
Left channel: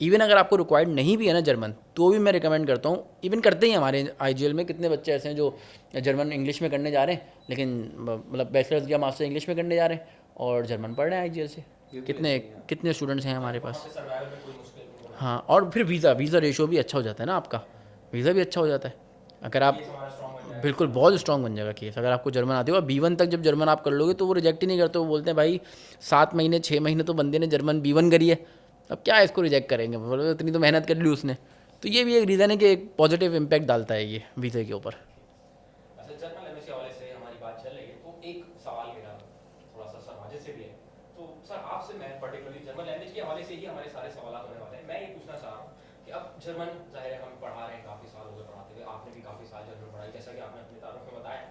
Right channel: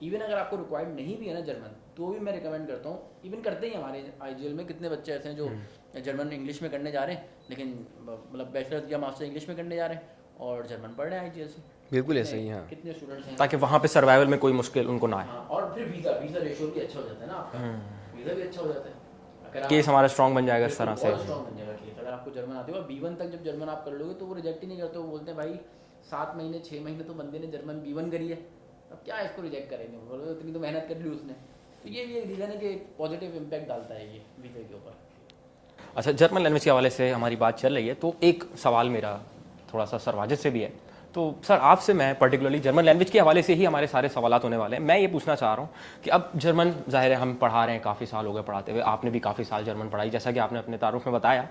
इवन अगर आपको रिक्वायर्ड नहीं भी है ना जर्मन, तो भी मैं रिकमेंड करता हूँ, इवन करते ही हमारे IGL में कितने बच्चे ऐसे हैं जो जर्मन इंग्लिश में करने जा रहे हैं, लेकिन मतलब बैचलर्स या मास्टर इंग्लिश में करने जा रहे हैं और जर्मन पढ़ रहे हैं IGL से। बिल्कुल कितने ऐसे ही, हाँ। कितने स्टूडेंट्स हैं ताकि हमारे वहाँ पे सर्वाइवल में कोई मुश्किल उनको ना आए। हाँ, और फिर वीज़ा रेशियो भी अच्छा हो जाता है ना आपका, वीज़ा भी अच्छा हो जाता है अगर आप केस हमारा स्ट्रॉन्ग बन जाएगा इस बिल्कुल तरह से। बहुत स्ट्रॉन्ग बन जाएगा केस। अगर आपको जर्मन आती हो और B1 तक जब जर्मन आप कर लोगे तो वो रिजेक्ट ही नहीं करते, वो बोलते हैं भाई 7 महीने 6 महीने तो बंदे ने जर्मन B1 करी है, अब क्या इसको रिजेक्ट करेंगे, बोलो इतनी तो मेहनत कर ली उसने। तो ये भी एक रीज़न है कि एक पॉजिटिव इम्पैक्ट डालता है ये वीज़े के ऊपर। अच्छा, जर्मन लैंग्वेज के हवाले से हमारी बात चल रही है, तो एक सवाल मेरा थोड़ा सा सर वाजिद से भी है। तो सर आपसे मैं पर्टिकुलरली जर्मन लैंग्वेज के हवाले से ही हमारे सारे सवालात होने वाले हैं। मैं ये पूछना चाह रहा हूँ कि अब जर्मन ज़ाहिर है हम पढ़ा रहे हैं, काफ़ी साल हो गए पढ़ाते हुए, आपने भी काफ़ी साल जर्मन पढ़ाई जैसा कि आपने अपने तारुफ में बताया।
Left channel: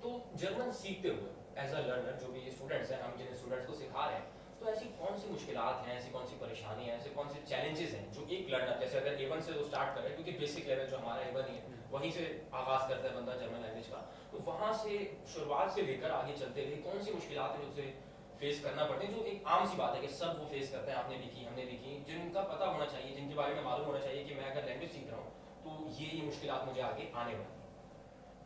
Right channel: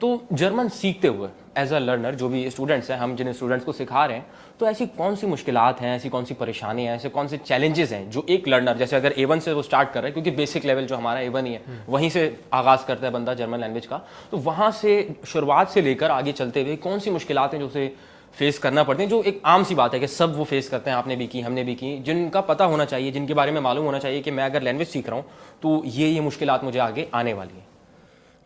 तो जर्मन सीखते हुए एज अ लर्नर जो भी स्टूडेंट्स हैं, हम जिन स्टूडेंट्स को सिखा रहे हैं, तो ऐसी कौन सी मुश्किलात हैं, ऐसी कौन सी परेशानियाँ हैं, ऐसे कौन से चैलेंजेस हैं जो एक लर्नर, जैसे अगर A1 से वो स्टार्ट कर रहे हैं, क्योंकि बेसिक लेवल जो हमारा A1 ही है वहीं से आगाज़ करता है बंदा जर्मन लैंग्वेज का, तो वहाँ से शुरुआत से लेकर आगे चलते हुए कौन सी मुश्किलात हैं जो उसे फेस करना पड़ते हैं, जो एक आम सी बात है कि सब वो फेस करते हैं, आपने भी की, हमने भी की, जिनका पता होना चाहिए, जिनके बारे में मालूम होना चाहिए कि मैं अगर लैंग्वेज सीख रहा हूँ तो ये मुश्किलात मुझे आगे आने वाली है।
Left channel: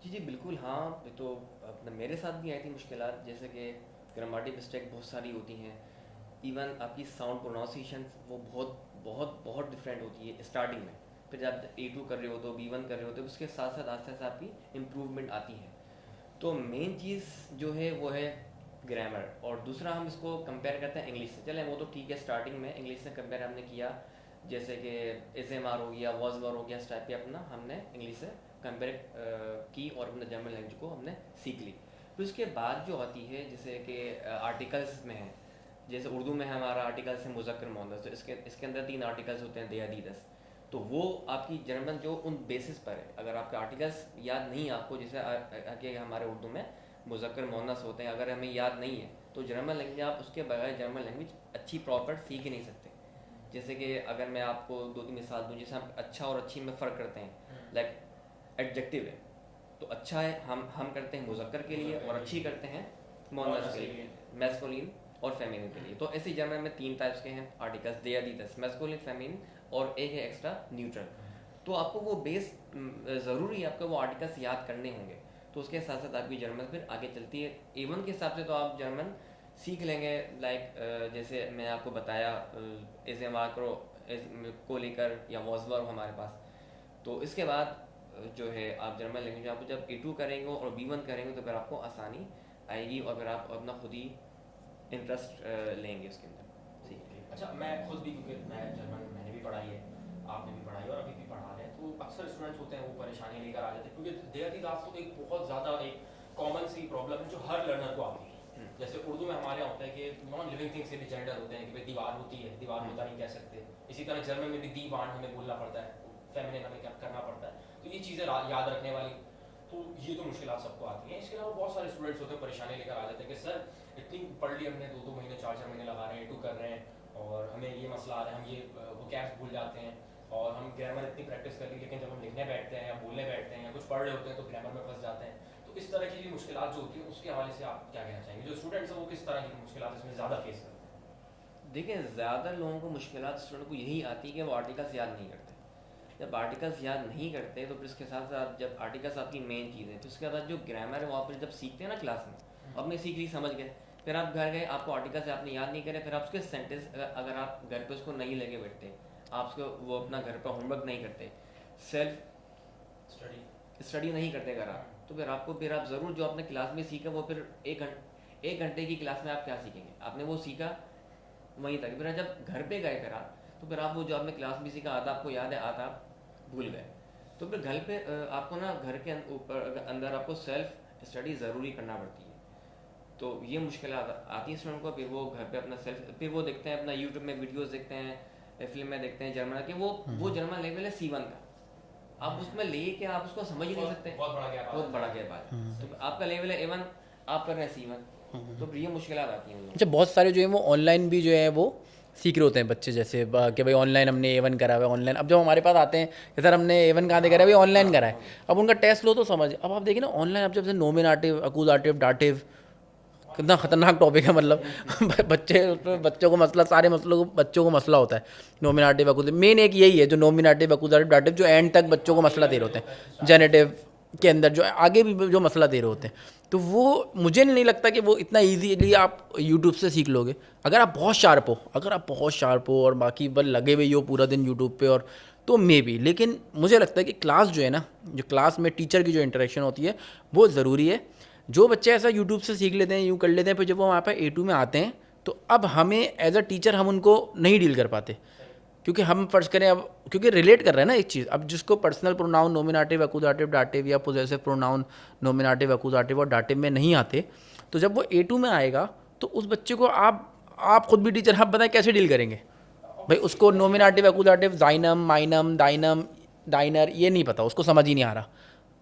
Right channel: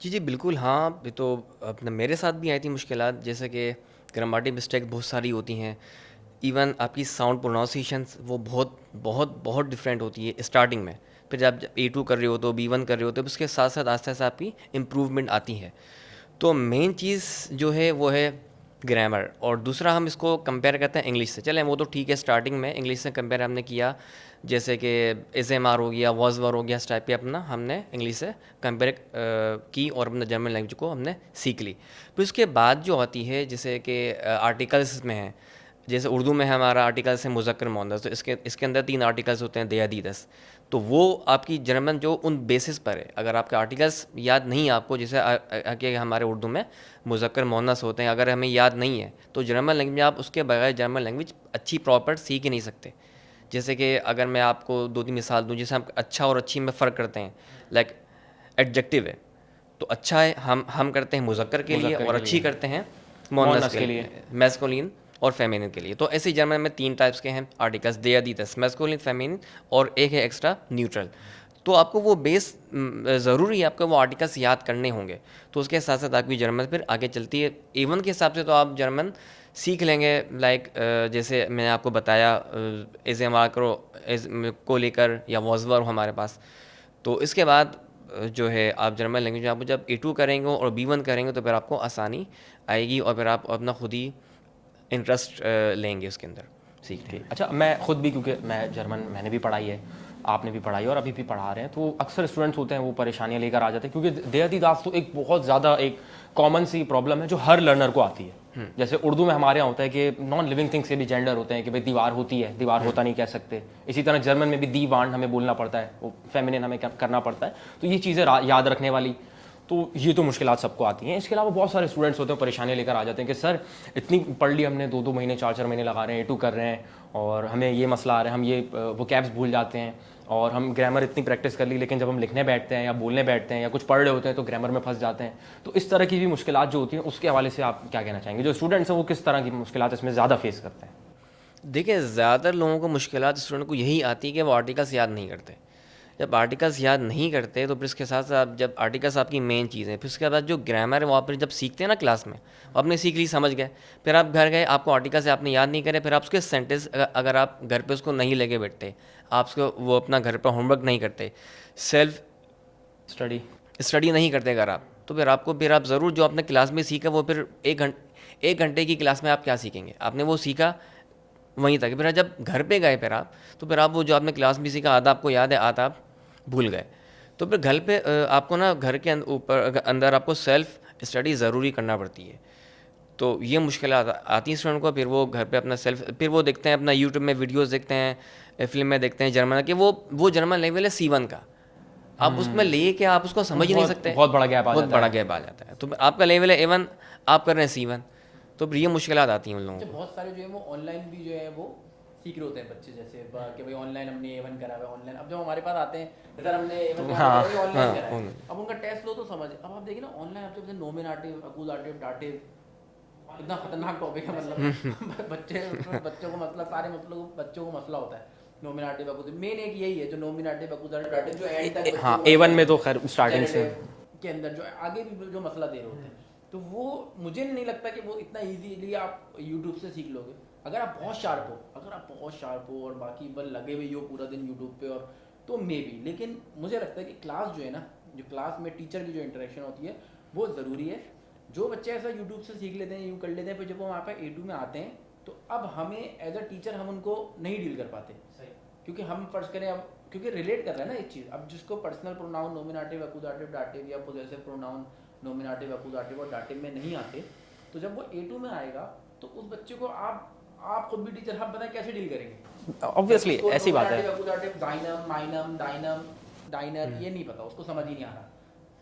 जी जी बिल्कुल, हाँ। ये तो अपने मेरे साथ भी आई थी मुश्किलात, जैसे कि ग्रामेटिक मिस्टेक बहुत सारी होती हैं। इवन आपकी साउंड प्रोनाउंसिएशन वो बहुत बहुत बहुत डिफरेंट होती है स्टार्टिंग में। फिर जब A2 कर रहे हो तो B1 कर रहे हो तो उसके साथ साथ आस्ते आस्ते आपकी इम्प्रूवमेंट आती है। तो मेन चीज़ जो है वो है ग्रामर, और दूसरा हम इसको कंपेयर करते हैं इंग्लिश से। चलें वो तो ठीक है, स्टार्टिंग में इंग्लिश से कंपेयर हमने किया, जैसे कि SMR हो गया, वॉजवर हो गया, इस टाइप के अपना हमने इंग्लिश से कंपेयर की और अपने जर्मन लैंग्वेज को हमने सीख ली। फिर उसके बाद जो आती है जैसे कि आर्टिकल्स में है, जैसे उर्दू में हमारा आर्टिकल्स है मुज़क्कर मुअन्नस, तो इसके अंदर 3 आर्टिकल्स होते हैं दयादीदस। तो वो आपकी जर्मन जो उन बेसिस पर है, अगर आपके आर्टिकल्स याद नहीं है आपको, जैसे कि हमारे उर्दू में मुज़क्कर मुअन्नस होते हैं, अगर हमें याद नहीं है तो जर्मन लैंग्वेज में आप उसके बगैर जर्मन लैंग्वेज अच्छी प्रॉपर सीख ही नहीं सकते। जैसे कि अगर मैं आपको 2-3 मिसाल दूँ, जैसे हम अच्छा और अच्छी में फ़र्क करते हैं, लाइक एडजेक्टिव है तो अच्छा है हम करते हैं मुज़क्कर के लिए, और अच्छी करते हैं मुअन्नस के लिए, मैस्कुलिन और फेमिनिन के लिए। तो ऐसे जर्मन में 3 टाइप्स के हैं आर्टिकल्स, दयादीदस, मैस्कुलिन, फेमिनिन, और एक है एक्स्ट्रा न्यूट्रल। तो आपको वो बेस ज़रूरी है, आपको वो आर्टिकल्स याद करने होंगे, तो उसके साथ साथ आपकी जर्मन फिर आगे चलती है। A1 के हिसाब से तो आप जर्मन सीख लेंगे, लाइक जैसे मैंने आपको बताया SMR को लेकर या वॉजवर हमारे पास। तो इसके बाद जो है आप जर्मन लैंग्वेज में आप जब A2 करेंगे और B1 करेंगे तो फिर आपको आसानी आएगी, और फिर आप अपना खुद ही इंटरेस्ट लेंगे उसके अंदर सीखने में। अच्छा, मैं खुद भी, क्योंकि मैं जर्मन मैंने भी पढ़ाई है, आपने भी पढ़ाई और अभी भी पढ़ा रहे हैं, तो अक्सर स्टूडेंट्स होते हैं वो परेशानियां लेकर आ जाते हैं, क्योंकि दयादीदास तो एक बहुत ज़्यादा एक कॉमन सी प्रॉब्लम है जो हर लर्नर को आती है। जैसे उर्दू में हमारे यहाँ होता है कि नॉन लिविंग थिंग्स से भी जेंडर होते हैं कि भाई दीवार होती है, दीवार होता नहीं कह सकते। इसी तरह जर्मन में भी दीवान हमें बोलना पड़ता है, वो फेमिनिन हमें करना पड़ता है। तो ये चीज़ें याद रखने वाली, तो ये तो मुश्किलात सबको आती हैं। इसके अलावा बहुत सारे स्टूडेंट्स होते हैं परेशानी लेकर आ जाते हैं कि सर इतनी पढ़ ली हमने, 2-2 महीने 4-4 महीने लगा रहे हैं, A2 कर रहे हैं, और हमें ये मसला आ रहा है, हम ये वो कैब्स भूल जाते हैं, और हम ग्रामर इतनी प्रैक्टिस कर ली, लेकिन जब हम लिखने बैठते हैं या बोलने बैठते हैं या कुछ पढ़ रहे होते हैं तो ग्रामर में फंस जाते हैं। तो इस तरह की भी मुश्किलात जो होती हैं उसके हवाले से आप क्या कहना चाहेंगे? जो स्टूडेंट्स हैं वो किस तरह की मुश्किलात इसमें ज़्यादा फेस करते हैं? देखिए, ज़्यादातर लोगों को मुश्किलात स्टूडेंट को यही आती है कि वो आर्टिकल्स याद नहीं करते। जब आर्टिकल्स याद नहीं करते तो फिर इसके साथ साथ जब आर्टिकल्स आपकी मेन चीज़ है, फिर उसके बाद जो ग्रामर है वो आप जब सीखते हैं ना क्लास में, आपने सीख ली, समझ गए, फिर आप घर गए, आपको आर्टिकल्स आपने याद नहीं करे, फिर आप उसके सेंटेंस अगर आप घर पे उसको नहीं लेके बैठते, आप उसको वो अपना घर पर होमवर्क नहीं करते, सेल्फ स्टडी नहीं करते अगर आप, तो फिर आप ज़रूर जो आपने क्लास में सीखा वो फिर 1 घंटे की क्लास में आप क्या सीखेंगे, आपने वो सीखा वहीं तक। फिर जब घर पे गए फिर आप, तो फिर आप वो जो आपने क्लास में सीखा आधा आपको याद है, आधा आप भूल गए। तो फिर घर पे आपको ना घर के ऊपर अंदर आपको सेल्फ स्टडी ज़रूरी करना पड़ती है। तो ये मुश्किल आती हैं स्टूडेंट को। फिर वो घर पे अपना फिर वो देखते हैं अपना यूट्यूब में वीडियोस देखते हैं, फिल्म में देखते हैं जर्मन कि वो जर्मन लेवल है C1 का। आप उसमें ले के आप उसको समझ ही नहीं सकते, बहुत बड़ा गैप आ बहुत जाता बड़ा गैप आ जाता है। तो आपका लेवल है A1, आप कर रहे हैं C1, तो फिर ये मुश्किलात आती हैं उन लोगों अच्छा, बहुत सारे जो है वो ऑनलाइन भी जो है वो सीख रहे होते हैं बच्चे, जैसे कि भाई ऑनलाइन हमने A1 करा हुआ है ऑनलाइन। अब जब हमारे पास आते हैं कि सर हमने A1 कहाँ से करा है, ऑनलाइन करा है, अब उनका टेस्ट लो तो समझ। अब आप देखिए ना ऑनलाइन, अब जब से नोमिनेटिव, अक्यूजेटिव, डाटिव, कितना खतरनाक टॉपिक है। मतलब बच्चों को मसला, सारे मसलों को बच्चों को मसला होता है। नोमिनेटिव, अक्यूजेटिव, मेन एक यही है जो नोमिनेटिव, अक्यूजेटिव, डाटिव, जो एंड तक बच्चों को मसला A1 में तो दे खैर होते हैं, starting जेनेटिव के अंदर जो आगे भी जो मसला दे रहे होते हैं। तो वो मुझे नहीं लगता कि वो इतना ईजीली आप यूट्यूब से सीख लोगे। अगर आप बहुत शार्प हो और बाकी बल लगे हुए हो पूरा दिन यूट्यूब पे, और तो मे बी। लेकिन मुझे लगता है कि क्लास जो है ना, जो क्लास में टीचर की जो इंटरेक्शन होती है वो ज़रूरी है। जो बच्चे ऐसा यूट्यूब से सीख लेते हैं, यूँ कर लेते हैं, फिर जब वो वहाँ पर A2 में आते हैं तो अब हमें एज अ टीचर हम उनको नहीं डील कर पाते, क्योंकि हम फर्ज करें अब, क्योंकि रिलेट कर रहे हैं ना एक चीज़। अब जिसको personal pronoun nominative, accusative, dative या पोजेसिव प्रोनाउन नोमिनेटिव, अक्यूजेटिव और डाटिव में नहीं आते, तो जब वो A2 में आएगा तो उस बच्चे को आप खुद भी टीचर, आप बताएं कैसे डील करेंगे। Obviously, उसको ऐसी बात है। नोमिनेटिव, अक्यूजेटिव, जाइनम, माइनम, डाइनम, डाइनर ये नहीं पता, उसको समझ ही नहीं आ रहा।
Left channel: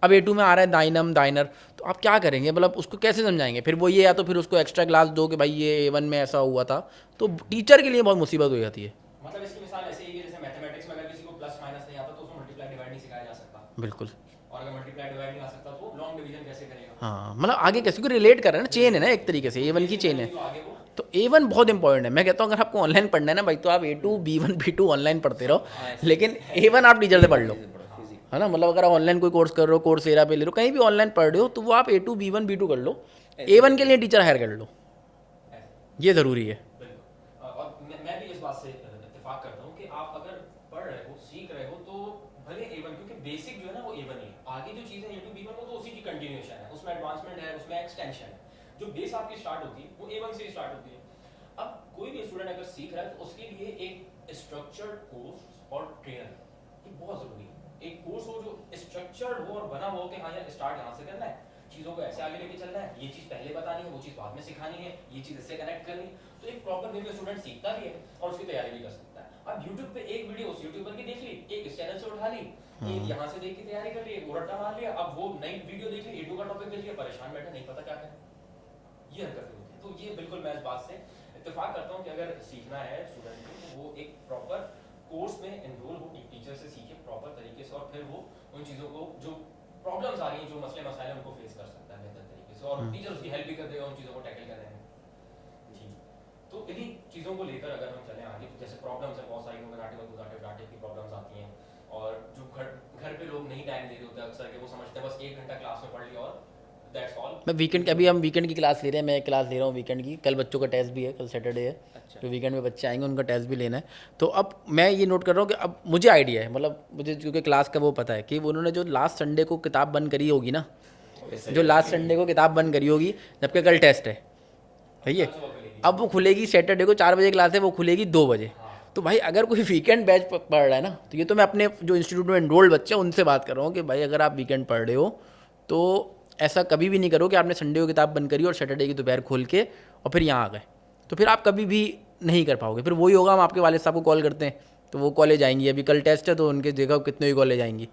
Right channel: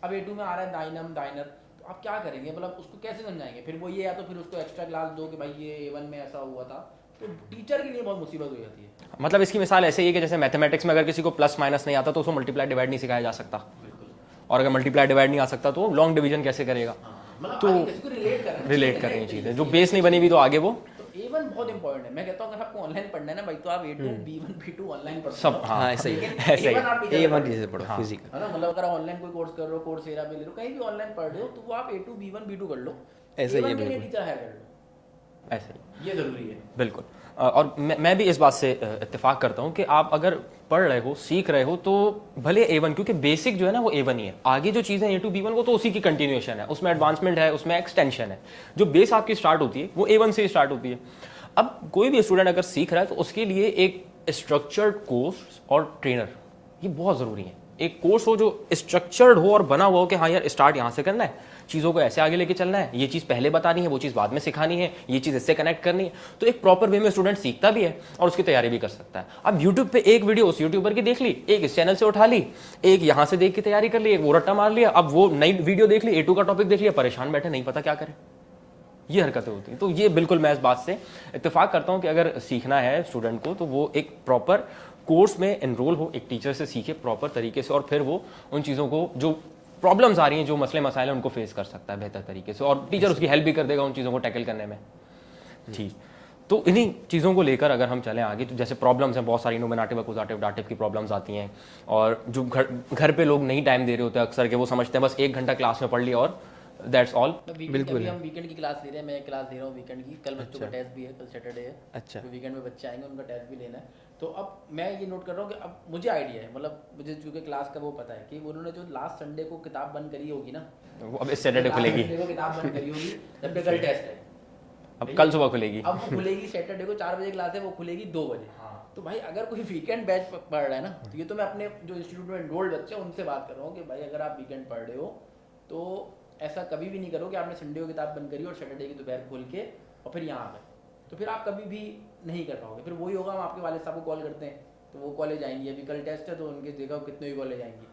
अब A2 में आ रहा है दाइनम, दाइनर, तो आप क्या करेंगे, मतलब उसको कैसे समझाएंगे। फिर वो ये, या तो फिर उसको एक्स्ट्रा क्लास दो कि भाई ये A1 में ऐसा हुआ था, तो टीचर के लिए बहुत मुसीबत हो जाती है। मतलब इसकी मिसाल ऐसे ही है कि जैसे मैथमेटिक्स में अगर किसी को प्लस माइनस नहीं आता तो उसको मल्टीप्लाई डिवाइड नहीं सिखाया जा सकता, बिल्कुल। और अगर मल्टीप्लाई डिवाइड नहीं आ सकता तो लॉन्ग डिवीजन कैसे करेगा। हाँ, मतलब आगे कैसे को रिलेट कर रहे हैं ना, चेन है ना एक तरीके से, जो A1 बेस की नहीं chain बनी है। हुई तो आगे वो तो A1 बहुत इंपॉर्टेंट है। मैं कहता हूँ अगर आपको ऑनलाइन पढ़ना है ना भाई, तो आप A2, B1, B2 ऑनलाइन पढ़ते हो, लेकिन A1 आप टीचर से पढ़ लो, फिजिक। है ना। मतलब अगर आप ऑनलाइन कोई कोर्स कर रहे हो, कोर्सेरा पे ले लो, कहीं भी ऑनलाइन पढ़ रहे हो, तो वो आप A2, B1, B2 कर लो, A1 के लिए टीचर हायर कर लो, ऐसे ही। ये ज़रूरी है। बिल्कुल। और मैं भी इस बात से इत्तेफाक करता हूँ कि आप अगर पढ़ रहे हो, सीख रहे हो, तो भले A1, क्योंकि बेसिक जो है ना वो A1 ही है। आगे जो चीज़ें A2, B1 वो तो उसी की कंटिन्यूएशन है, उसमें एडवांसमेंट है, उसमें एक्सटेंशन है। जो बेस आपकी स्टार्ट होती है वो A1 से ही स्टार्ट होती है। अब कोई भी स्टूडेंट अगर सीख रहा है तो उसके लिए एक स्ट्रक्चर्ड कोर्स और ट्रेनर ये बहुत ज़रूरी है। एक कोर्स हो जो स्ट्रक्चर्ड हो और बना हुआ हो कि हाँ यार स्टार्ट यहाँ से करना है, चीज़ों को ऐसे आगे लेके चलना है, ये चीज़ पहले बतानी है, वो चीज़ बाद में सिखानी है, ये चीज़ इससे कनेक्ट करनी है। तो एक प्रॉपर वे में स्टूडेंट सीखता भी है और उसकी तैयारी भी कर सकता है। अब यूट्यूब पे एक वीडियो उस यूट्यूबर की देख ली, एक इस चैनल से उठा ली, एक यहाँ से देख के तैयारी कर ली, एक वो रट्टा मार लिया, अब वो नई वीडियो देख ली, A2 का टॉपिक देख लिया, परेशान बैठे, नहीं पता क्या करें। ये हरकतें होती हैं। तो ये बिल्कुल मैं इस बात से इत्तेफाक करता हूँ कि अगर सीखना है स्टूडेंट को तो वो एक प्रॉपर कोर्स में एनरोल हो, एक टीचर से सीखे प्रॉपर तरीके से, और फिर वो उन चीज़ों को जो प्रॉब्लम्स आ रही हैं, जो मसले मसाइल हैं, उनको फेस कर सकता है बेहतर तरीके से, और टीचर उसकी हेल्प भी कर देगा उन चीज़ों को टैकल करने में। ठीक, तो इन्हीं चीज़ों को लेकर अगर हम चलें आगे, तो जैसे प्रॉब्लम्स हैं बहुत सारी, नोमिनेटिव, अक्यूजेटिव, डाटिव की प्रॉब्लम्स आती हैं, और जो घर पे लोग नहीं टाइम दे रहे होते अक्सर के, वो समझते हैं बस 1 घंटा क्लास में पढ़ लिया और दैट्स ऑल। मैं वीकेंड की, अभी हम वीकेंड की क्लास ले रहे हैं, मैं एक क्लास ले रहा हूँ वीकेंड की। कल बच्चों का टेस्ट भी है, कल सैटरडे है। अच्छा। तो वीकेंड में बच्चे आएंगे, उनका टेस्ट भी लेना है। तो अब मैं ये नोट कर रहा हूँ कि अब मुझे आइडिया है, मतलब मुझे क्योंकि क्लास का वो पता है कि उन्होंने जो लास्ट संडे को किताब बंद करी होगी ना, अब इस जो सैटरडे लास्ट खुलेगी, संडे को किताब बंद करी होगी, जबकि कल टेस्ट है, अब कल सुबह खुलेगी। अब वो खुलेगी सैटरडे को 4 बजे क्लास है, वो खुलेगी 2 बजे। तो भाई अगर कोई वीकेंड बैच पढ़ रहा है ना, तो ये तो मैं अपने जो इंस्टीट्यूट में एनरोल्ड बच्चे हैं उनसे बात कर रहा हूँ कि भाई अगर आप वीकेंड पढ़ रहे हो तो ऐसा कभी भी नहीं करो कि आपने संडे को किताब बंद करी और सैटरडे की दोपहर खोल के और फिर यहाँ आ गए, तो फिर आप कभी भी नहीं कर पाओगे। फिर वही होगा, हम आपके वालिद साहब को कॉल करते हैं तो वो कॉलेज आएंगी, अभी कल टेस्ट है तो उनके जगह कितने ही कॉलेज आएंगी।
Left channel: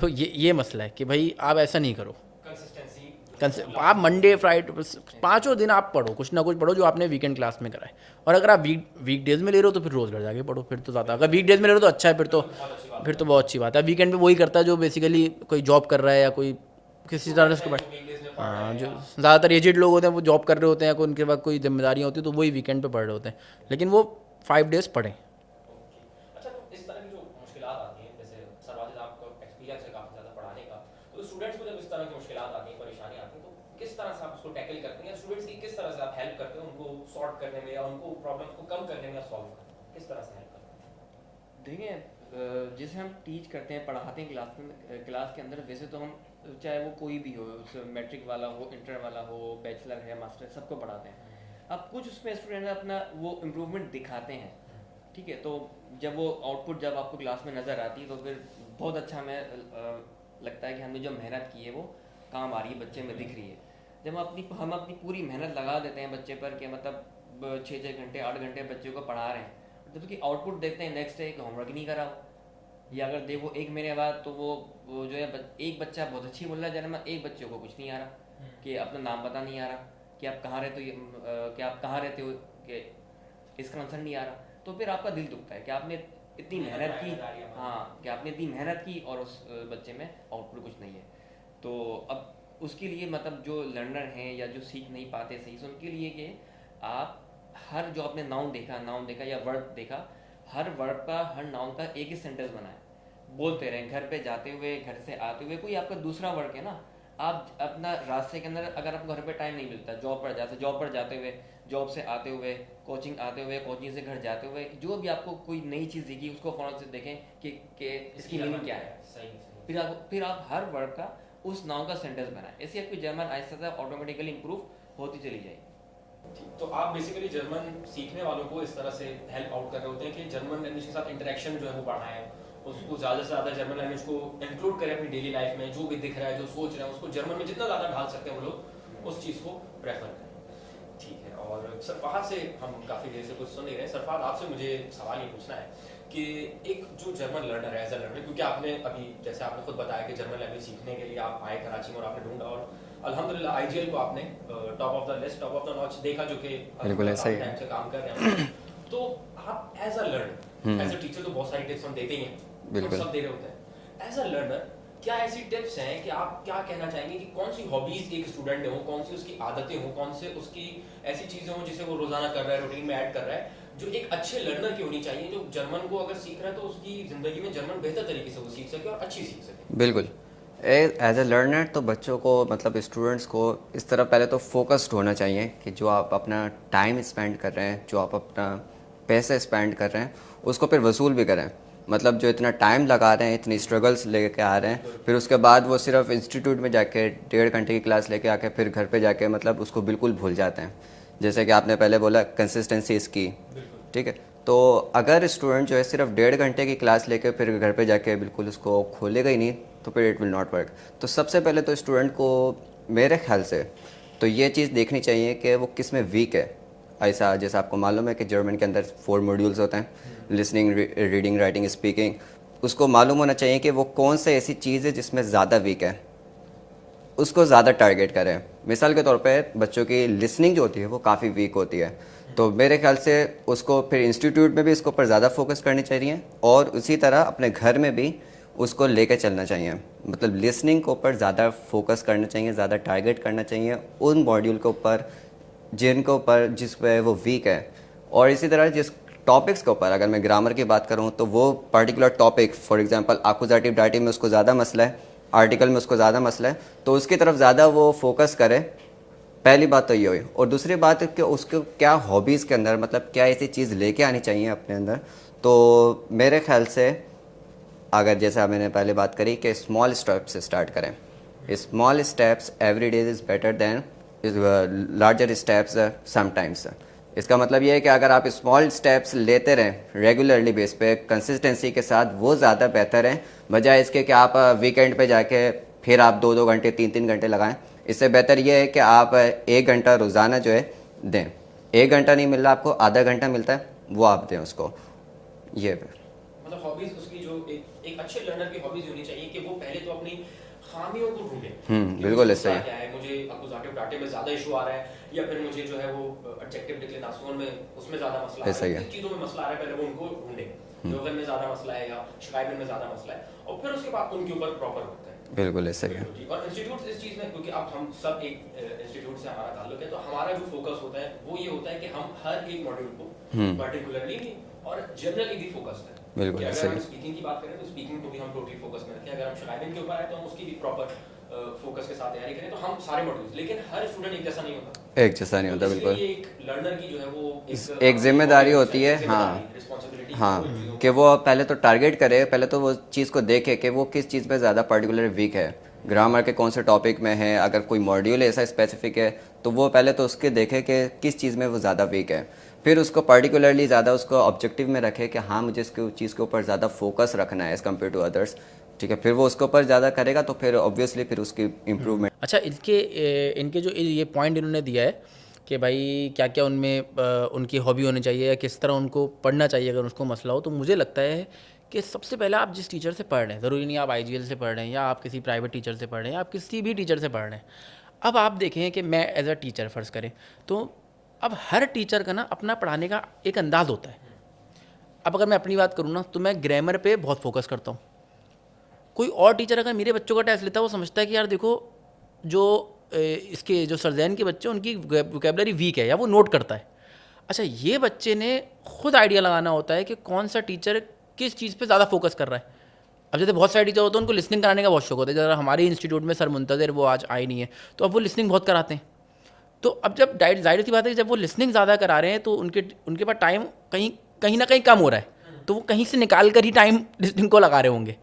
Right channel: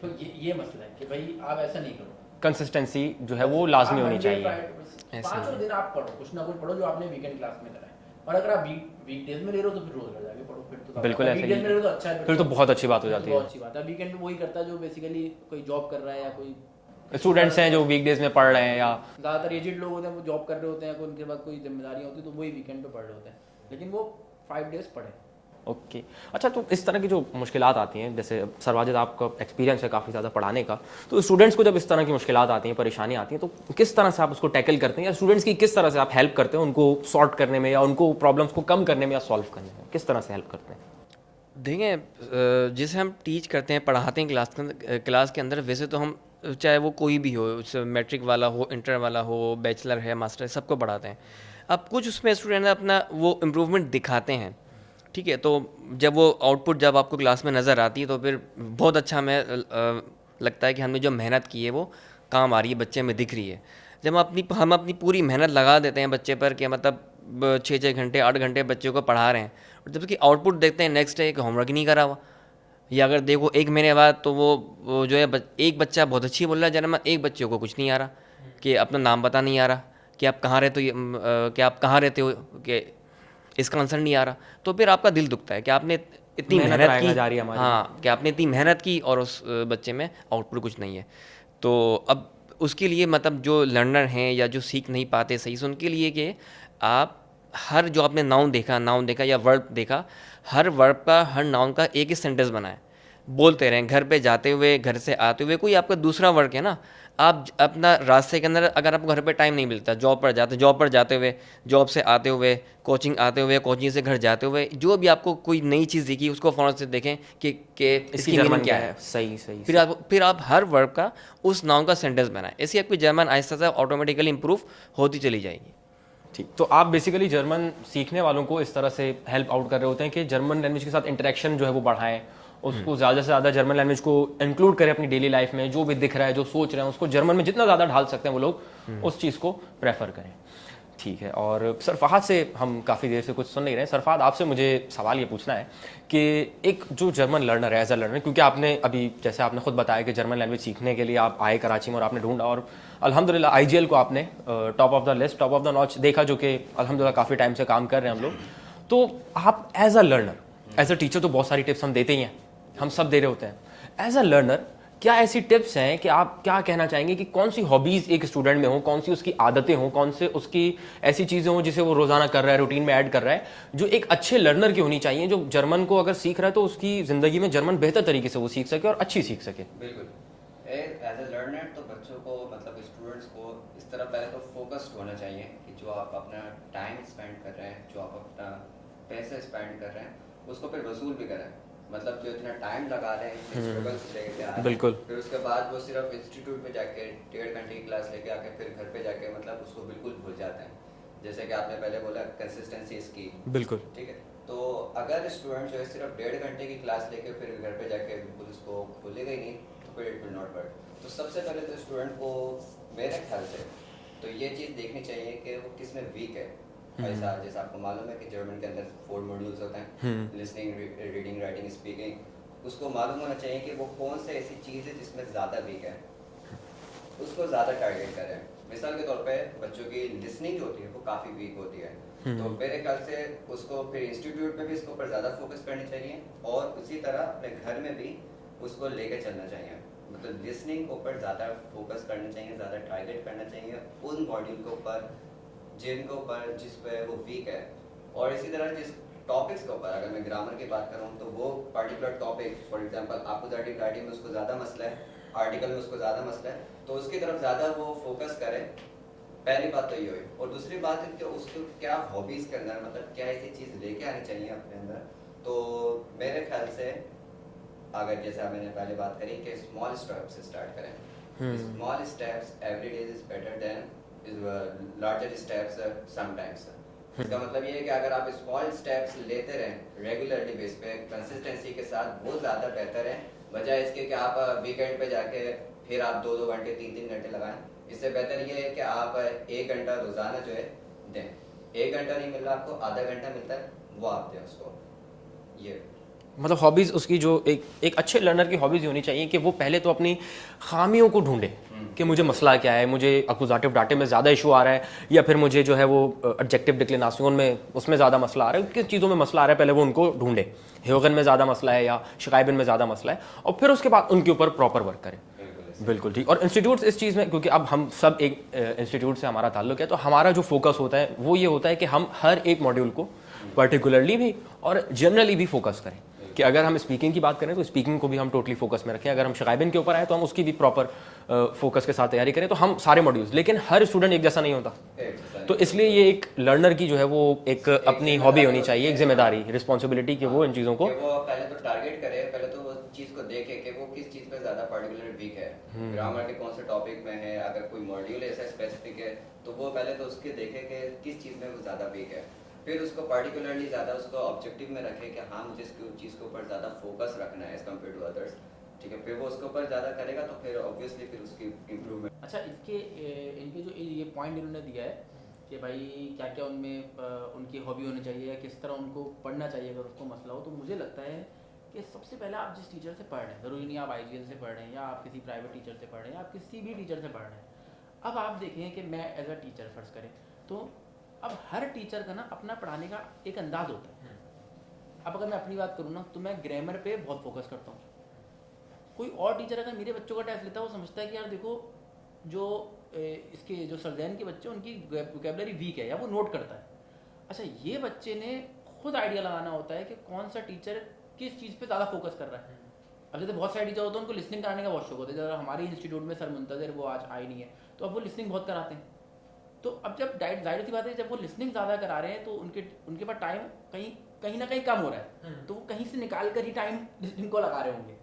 तो ये मसला है कि भाई आप ऐसा नहीं करो, कंसिस्टेंसी जो है वो आप लाजमी होनी मंडे चाहिए। फ्राइडे 5 दिन आप पढ़ो, कुछ ना कुछ पढ़ो जो आपने वीकेंड क्लास में करा है। और अगर आप वीक डेज में ले रहे हो तो फिर रोज घर जाके पढ़ो, फिर तो ज़्यादा। बिल्कुल अगर वीक ऐसे डेज में ले रहे हो तो अच्छा है, फिर तो बहुत अच्छी बात हो फिर तो जाती बहुत अच्छी बात है। वीकेंड पे वही करता है जो बेसिकली कोई जॉब कर रहा है या कोई स्टूडेंट्स हैं जो वीकडेज में पढ़ रहे हैं, या ज़्यादातर एजेड लोग होते हैं, वो जॉब कर रहे होते हैं, उनके पास कोई जिम्मेदारियाँ होती है, तो वही वीकेंड पे पढ़ रहे होते हैं, लेकिन वो 5 डेज पढ़ें। ओके। अच्छा, तो इस तरह की जो मुश्किलात आती हैं, जैसे सरवाजिद आपका एक्सपीरियंस है काफ़ी ज़्यादा पढ़ाने का, तो स्टूडेंट्स को जब इस तरह की मुश्किलात आती हैं, परेशानी आती हैं, तो किस तरह से आप उसको टैकल करते हैं, या स्टूडेंट्स की किस तरह से आप हेल्प करते हैं उनको सॉर्ट करने में, या उनको प्रॉब्लम्स को कम करने में या सॉल्व करने में, किस तरह से हेल्प करते हैं? देखें, जिसे हम टीच करते हैं, पढ़ाते हैं क्लास के अंदर, वैसे तो हम चाहे वो कोई भी हो, मैट्रिक वाला हो, इंटर वाला हो, बैचलर है, मास्टर है, सबको पढ़ाते हैं। अब कुछ उसमें स्टूडेंट अपना वो इम्प्रूवमेंट दिखाते हैं, ठीक है, तो जब वो आउटपुट जब आपको क्लास में नज़र आती है तो फिर बहुत अच्छा हमें लगता है कि हमने जो मेहनत की है वो काम आ रही है, बच्चे में दिख रही है। जब हम अपनी पूरी मेहनत लगा देते हैं बच्चे पर कि मतलब 6-6 घंटे 8 घंटे बच्चे को पढ़ा रहे हैं, और जब उसकी आउटपुट देखते हैं नेक्स्ट डे कि होमवर्क नहीं करा हुआ, या अगर देखो 1 महीने बाद तो वो जो है एक बच्चा बहुत अच्छी बोल रहा है जन्म, एक बच्चे को कुछ नहीं आ रहा, कि अपना नाम पता नहीं आ रहा, कि आप कहाँ रहते हो, कि आप कहाँ रहते हो, कि इसका आंसर नहीं आ रहा, तो फिर आपका दिल दुखता है कि आपने इतनी मेहनत मेहनत आएगा की, जा रही है हमारी। हाँ, कि आपने इतनी मेहनत की और उस बच्चे में आउटपुट कुछ नहीं है। तो अब उसके लिए मतलब जो लर्नर हैं या जो सीख नहीं पाते सही से, उनके लिए कि आप हर जो आपने नाउन देखा या वर्ब देखा, हर वर्ब का हर नाउन का एक ही सेंटेंस बनाएं, बोलते रहें, घर पे जाते हुए, घर से आते हुए, कोई आपका दूसरा वर्क है ना, आप अपना रास्ते के अंदर अगर आपको घर पे टाइम नहीं मिलता, जॉब पर जाते हुए, जॉब से आते हुए, कोचिंग आते हुए, कोचिंग से घर जाते हुए, जो भी आपको कोई नई चीज़ दिखी उसको फ़ौरन से देखें कि इसकी जर्मन मीनिंग क्या है। सही सही फिर आप हर वर्ब का उस नाउन का सेंटेंस बनाएं, ऐसी आपकी जर्मन आहिस्ता से ऑटोमेटिकली इंप्रूव होती चली जाएगी। ठीक, तो आप बेसिकली जर्मन सीखने वालों को इस तरह से हेल्प आउट कर रहे होते हैं कि जर्मन लैंग्वेज के साथ इंटरेक्शन जो है वो बढ़ाएं, उसको ज़्यादा से ज़्यादा जर्मन लैंग्वेज को इंक्लूड करें अपनी डेली लाइफ में, जो भी दिख रहा है, जो सोच रहे हैं, उसको जर्मन में जितना ज़्यादा ढाल सकते हैं वो लोग उस चीज़ को प्रेफर करें। ठीक है, और सर फहद से हम काफ़ी देर से कुछ सुन नहीं रहे हैं। सर फहद, आपसे मुझे सवाल ये पूछना है कि एक जो जर्मन लर्नर है, एज अ लर्नर, क्योंकि आपने अभी जैसे आपने खुद बताया कि जर्मन लैंग्वेज सीखने के लिए आप आए कराची में और आपने ढूंढा, और अल्हम्दुलिल्लाह आईजीएल को आपने top of the list, top of the notch देखा, जो कि अल्हम्दुलिल्लाह काफ़ी टाइम से काम कर रहे हैं हम लोग। तो आप as a learner, as a teacher तो बहुत सारी टिप्स हम देते ही हैं, हम सब दे रहे होते हैं। एज अ लर्नर क्या ऐसी टिप्स हैं कि आप क्या कहना चाहेंगे कि कौन सी हॉबीज़ एक स्टूडेंट में हो, कौन सी उसकी आदतें हों, कौन से उसकी ऐसी चीज़ें हों जिसे वो रोज़ाना कर रहा है, रूटीन में ऐड कर रहा है, जो एक अच्छे लर्नर की होनी चाहिए, जो जर्मन को अगर सीख रहा है तो उसकी ज़िंदगी में जर्मन बेहतर तरीके से वो सीख सके और अच्छी सीख सके। बिल्कुल, एज ए लर्नर तो बच्चों को मतलब स्टूडेंट्स को इस तरह पहले तो फोकस्ड होना चाहिए कि जो आप अपना टाइम स्पेंड कर रहे हैं, जो आप अपना पैसे स्पेंड कर रहे हैं, उसको फिर वसूल भी करें। मतलब जो इतना टाइम लगा रहे हैं, इतनी स्ट्रगल्स लेके आ रहे हैं, फिर उसके बाद वो सिर्फ इंस्टीट्यूट में जाके 1.5 घंटे की क्लास लेके आके फिर घर पे जाके मतलब उसको बिल्कुल भूल जाते हैं। जैसे कि आपने पहले बोला कंसिस्टेंसी इसकी, बिल्कुल ठीक है। तो अगर स्टूडेंट जो है सिर्फ 1.5 घंटे की क्लास लेके फिर घर पे जाके बिल्कुल उसको खोलेगा ही नहीं, तो फिर इट विल नॉट वर्क। तो सबसे पहले तो स्टूडेंट को मेरे ख्याल से तो ये चीज़ देखनी चाहिए कि वो किस में वीक है। ऐसा जैसे आपको मालूम है कि जर्मन के अंदर 4 मॉड्यूल्स होते हैं, लिसनिंग, रीडिंग, राइटिंग, स्पीकिंग। उसको मालूम होना चाहिए कि वो कौन से ऐसी चीज़ है जिसमें ज़्यादा वीक है, उसको ज़्यादा टारगेट करें। मिसाल के तौर पे बच्चों की लिसनिंग जो होती है वो काफ़ी वीक होती है, तो मेरे ख्याल से उसको फिर इंस्टीट्यूट में भी इसके ऊपर ज़्यादा फोकस करनी चाहिए, और उसी तरह अपने घर में भी उसको लेके चलना चाहिए। मतलब लिसनिंग के ऊपर ज़्यादा फोकस करना चाहिए, ज़्यादा टारगेट करना चाहिए उन मॉड्यूल के ऊपर जिनके ऊपर जिस पे वो वीक है। और इसी तरह जिस टॉपिक्स के ऊपर, अगर मैं ग्रामर की बात करूँ तो वो particular topic, for example accusative dative में उसको ज़्यादा मसला है, आर्टिकल में उसको ज़्यादा मसला है, तो उसकी तरफ ज़्यादा वो फोकस करे। पहली बात तो ये हुई। और दूसरी बात है कि उसको क्या हॉबीज़ के अंदर मतलब क्या ऐसी चीज़ लेके आनी चाहिए अपने अंदर। तो मेरे ख्याल से अगर जैसा मैंने पहले बात करी कि स्मॉल स्टेप्स से स्टार्ट करें। Small steps every day is better than larger steps sometimes. इसका मतलब ये है कि अगर आप स्मॉल स्टेप्स लेते रहें रेगुलरली बेस पे कंसिस्टेंसी के साथ, वो ज़्यादा बेहतर है बजाय इसके कि आप वीकेंड पे जाके फिर आप 2-2 घंटे 3-3 घंटे लगाएं। इससे बेहतर ये है कि आप 1 घंटा रोज़ाना जो है दें। 1 घंटा नहीं मिल रहा आपको, आधा घंटा मिलता है, वो आप दें उसको। ये मतलब हॉबीज़ उसकी जो एक अच्छे लर्नर की हॉबीज़ होनी चाहिए कि वो पहले तो अपनी खामियों को ढूंढे कि मुझे मसला क्या है, मुझे एक्यूजेटिव डाटे में ज़्यादा इशू आ रहा है, या फिर मुझे जो है वो एडजेक्टिव डिक्लिनेशन में उसमें ज़्यादा मसला आ रहा है, किस चीज़ों में मसला आ रहा है, पहले वो उनको ढूंढे, ह्योगन में ज़्यादा मसला है या शिकायबिन में ज़्यादा मसला है, और फिर उसके बाद उनके ऊपर प्रॉपर वर्क करें। बिल्कुल ऐसे बिल्कुल ठीक। और इंस्टीट्यूट्स इस चीज़ में, क्योंकि अब हम सब एक इंस्टीट्यूट से हमारा ताल्लुक है, तो हमारा जो फोकस होता है वो ये होता है कि हम हर एक मॉड्यूल को पर्टिकुलरली भी और जनरली भी फोकस करें। कि अगर हम स्पीकिंग की बात करें तो स्पीकिंग को भी हम टोटली फोकस में रखें, अगर हम शिकायबिन के ऊपर आए तो हम उसकी भी प्रॉपर फोकस के साथ तैयारी करें। तो हम सारे मॉड्यूल्स, लेकिन हर स्टूडेंट एक जैसा नहीं होता, एक जैसा नहीं तो होता। इसलिए ये एक लर्नर की जो है वो एक जिम्मेदारी होती है, जिम्मेदारी, रिस्पॉन्सिबिलिटी की वो इन चीज़ों को कि वो पहले तो टारगेट करे, पहले तो वो चीज़ को देखे कि वो किस चीज़ पे ज़्यादा पर्टिकुलर वीक है, ग्रामर के कौन से टॉपिक में है, अगर कोई मॉड्यूल ऐसा स्पेसिफिक है तो वो पहले तो उसके देखे कि किस चीज़ में वो ज़्यादा वीक है। फिर उसको पर्टिकुलरली ज़्यादा उसको ऑब्जेक्टिव में रखे कि हाँ मुझे इसके चीज़ के ऊपर ज़्यादा फोकस रखना है एज़ कम्पेयर टू अदर्स, ठीक है, फिर वो उसके ऊपर ज़्यादा करेगा तो फिर ऑब्वियसली फिर उसकी इम्प्रूवमेंट। अच्छा, इनके जो ये पॉइंट इन्होंने दिया है कि भाई क्या क्या उनमें उनकी हॉबी होनी चाहिए या किस तरह उनको पढ़ना चाहिए अगर उसको मसला हो, तो मुझे लगता है कि सबसे पहले आप जिस टीचर से पढ़ रहे हैं, ज़रूरी नहीं आप IGL से पढ़ रहे हैं या आप किसी प्राइवेट टीचर से पढ़ रहे हैं या आप किसी भी टीचर से पढ़ रहे हैं। अब आप देखें कि मैं एज अ टीचर फ़र्ज़ करें, तो अब हर टीचर का ना अपना पढ़ाने का एक अंदाज़ होता है। अब अगर मैं अपनी बात करूँ ना, तो मैं ग्रामर पे बहुत फोकस करता हूँ। कोई और टीचर अगर मेरे बच्चों का टेस्ट लेता है, वो समझता है कि यार देखो जो इसके जो सरजैन के बच्चे उनकी वोकेबलरी वीक है या वो नोट करता है। अच्छा, ये बच्चे ने खुद आइडिया लगाना होता है कि कौन सा टीचर किस चीज़ पे ज़्यादा फोकस कर रहा है। अब जैसे बहुत सारे टीचर होते हैं उनको लिसनिंग कराने का बहुत शौक होता है। जरा हमारे इंस्टीट्यूट में सर मुंतज़िर वो आज आए नहीं है, तो अब वो लिसनिंग बहुत कराते हैं। तो अब जब जाहिर सी बात है कि जब वो लिसनिंग ज़्यादा करा रहे हैं तो उनके पास टाइम कहीं ना कहीं कम हो रहा है, तो वो कहीं से निकाल कर ही टाइम लिसनिंग को लगा रहे होंगे।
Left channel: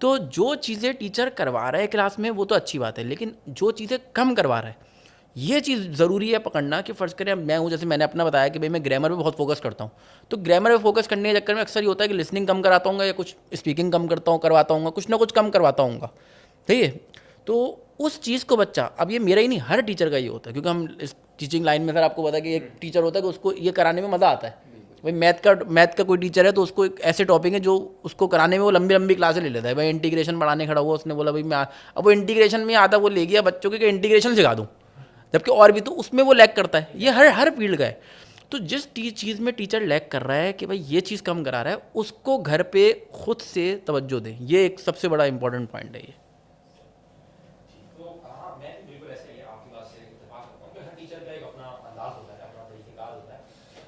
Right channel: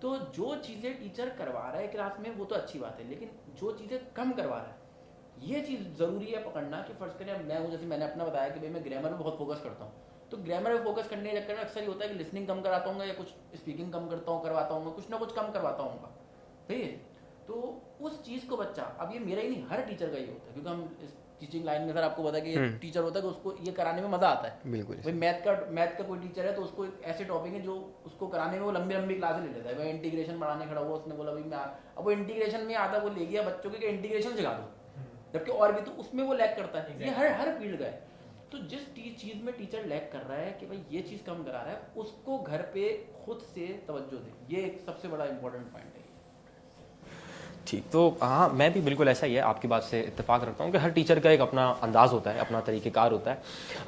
तो जो चीज़ें टीचर करवा रहा है क्लास में वो तो अच्छी बात है, लेकिन जो चीज़ें कम करवा रहा है ये चीज़ ज़रूरी है पकड़ना। कि फ़र्ज़ करें मैं हूँ, जैसे मैंने अपना बताया कि भाई मैं ग्रामर पे बहुत फोकस करता हूँ, तो ग्रामर पे फोकस करने के चक्कर में अक्सर ये होता है कि लिसनिंग कम कराता हूँ या कुछ स्पीकिंग कम करवाता हूँ, कुछ ना कुछ कम करवाता हूँ, ठीक है। तो उस चीज़ को बच्चा, अब ये मेरा ही नहीं हर टीचर का ये होता है, क्योंकि हम इस टीचिंग लाइन में, अगर आपको पता है कि एक टीचर होता है कि उसको ये कराने में मज़ा आता है। बिल्कुल। भाई मैथ का कोई टीचर है तो उसको एक ऐसे टॉपिक है जो उसको कराने में वो लंबी लंबी क्लासें ले लेता है। भाई इंटीग्रेशन पढ़ाने खड़ा हुआ, उसने बोला भाई मैं अब वो इंटीग्रेशन में आता, वो ले गया बच्चों के कि इंटीग्रेशन सिखा दूँ, जबकि और भी तो उसमें वो लैग करता है। ये हर फील्ड का है। तो जिस चीज़ में टीचर लैग कर रहा है कि भाई ये चीज़ कम करा रहा है, उसको घर पे खुद से तवज्जो दें। ये एक सबसे बड़ा इंपॉर्टेंट पॉइंट है ये। ठीक, तो हाँ मैं भी बिल्कुल ऐसा ही है, आपकी बात से इत्तेफाक रखता हूँ कि हर टीचर का एक अपना अंदाज़ होता है, अपना तरीक़ेकार होता है।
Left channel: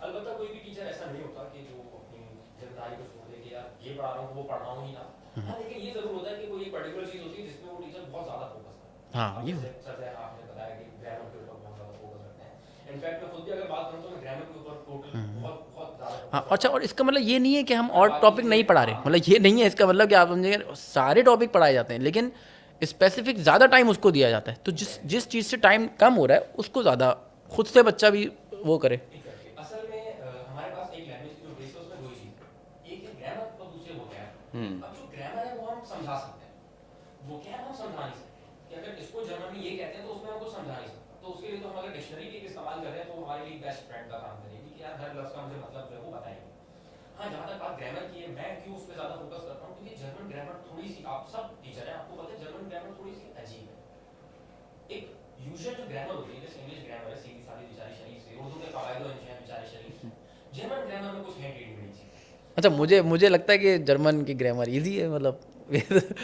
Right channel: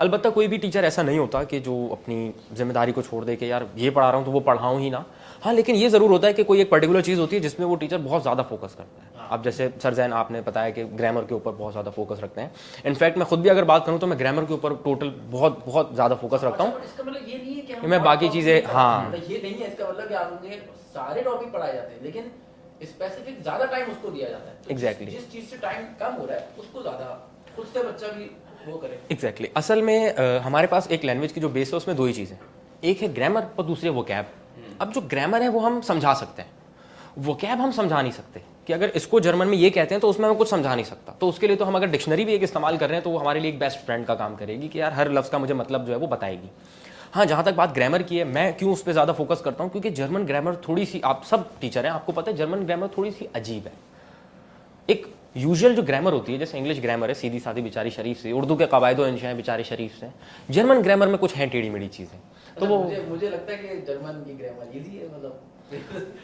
अलबत्ता कोई भी टीचर ऐसा नहीं होता कि जो अपनी जिम्मेदारी को छोड़ दे कि यार ये पढ़ा रहा हूँ तो वो पढ़ाऊँ ही ना। हाँ, लेकिन ये ज़रूर होता है कि कोई एक पर्टिकुलर चीज़ होती है जिसमें वो टीचर बहुत ज़्यादा फोकस करता है। अब जैसे सर जैन आपने बताया कि ग्रामर के ऊपर बहुत ज़्यादा फोकस रखते हैं। इनफैक्ट मैं खुद भी अगर बात करूँ तो मैं ग्रामर के ऊपर टोटल बहुत ज़्यादा फोकस रखता हूँ। अच्छा, और इसका मतलब ये नहीं है कि हम मैं और बाकी टॉपिक चीज़ें नहीं पढ़ा रहे हैं, मतलब ये नहीं है इसका मतलब कि आप समझिए सारे टॉपिक पढ़ाए जाते हैं, लेकिन स्पेसिफिक ज़्यादा टाइम उसको दिया जाता है। तो जिस चीज़ से टाइम कम हो रहा है उसको ज़्यादा खुद से बच्चा भी वो करे। एग्जैक्टली असल में हमारे पास एक लैंग्वेज की जो बेस है उसमें दो ही चीज़ें, एक है ग्रामर और दूसरी है वोकैब। अब जो ग्रामर है वो हम समझा सकते हैं, वोकैब हम समझा नहीं सकते। कि अगर इसको जर्मन में ये कहते हैं तो उसमें मैं कुछ समझा नहीं सकता, तो उसके लिए तो हम अगर डिक्शनरी भी एक इस्तेमाल कर रहे हैं तो वो हमारे लिए एक बेस्ट फ्रेंड का काम करेगी कि यार हर लफ्ज़ का मुझे मतलब जो है वो बताएगी। हाँ, जहाँ तक बात ग्रामर की है, मैं क्यों उस पर ज़्यादा फोकस करता हूँ, क्योंकि जर्मन ग्रामर थोड़ी सी, आप सब टीचर हैं आपको पता है, जर्मन ग्रामर थोड़ी सी अजीब है। एक यूजुअल जो ग्रामर होती है, जैसे इंग्लिश ग्रामर है सीधी सादी बेचारी शरीफ से, उर्दू के कवायदो इंशा हैं बेचारे शरीफ से, जर्मन ग्रामर में कुछ हैं टेढ़ी मेढ़ी चीज़ें। अच्छा, मुझे लगता है कि जर्मन की ग्रामर इजी है, मतलब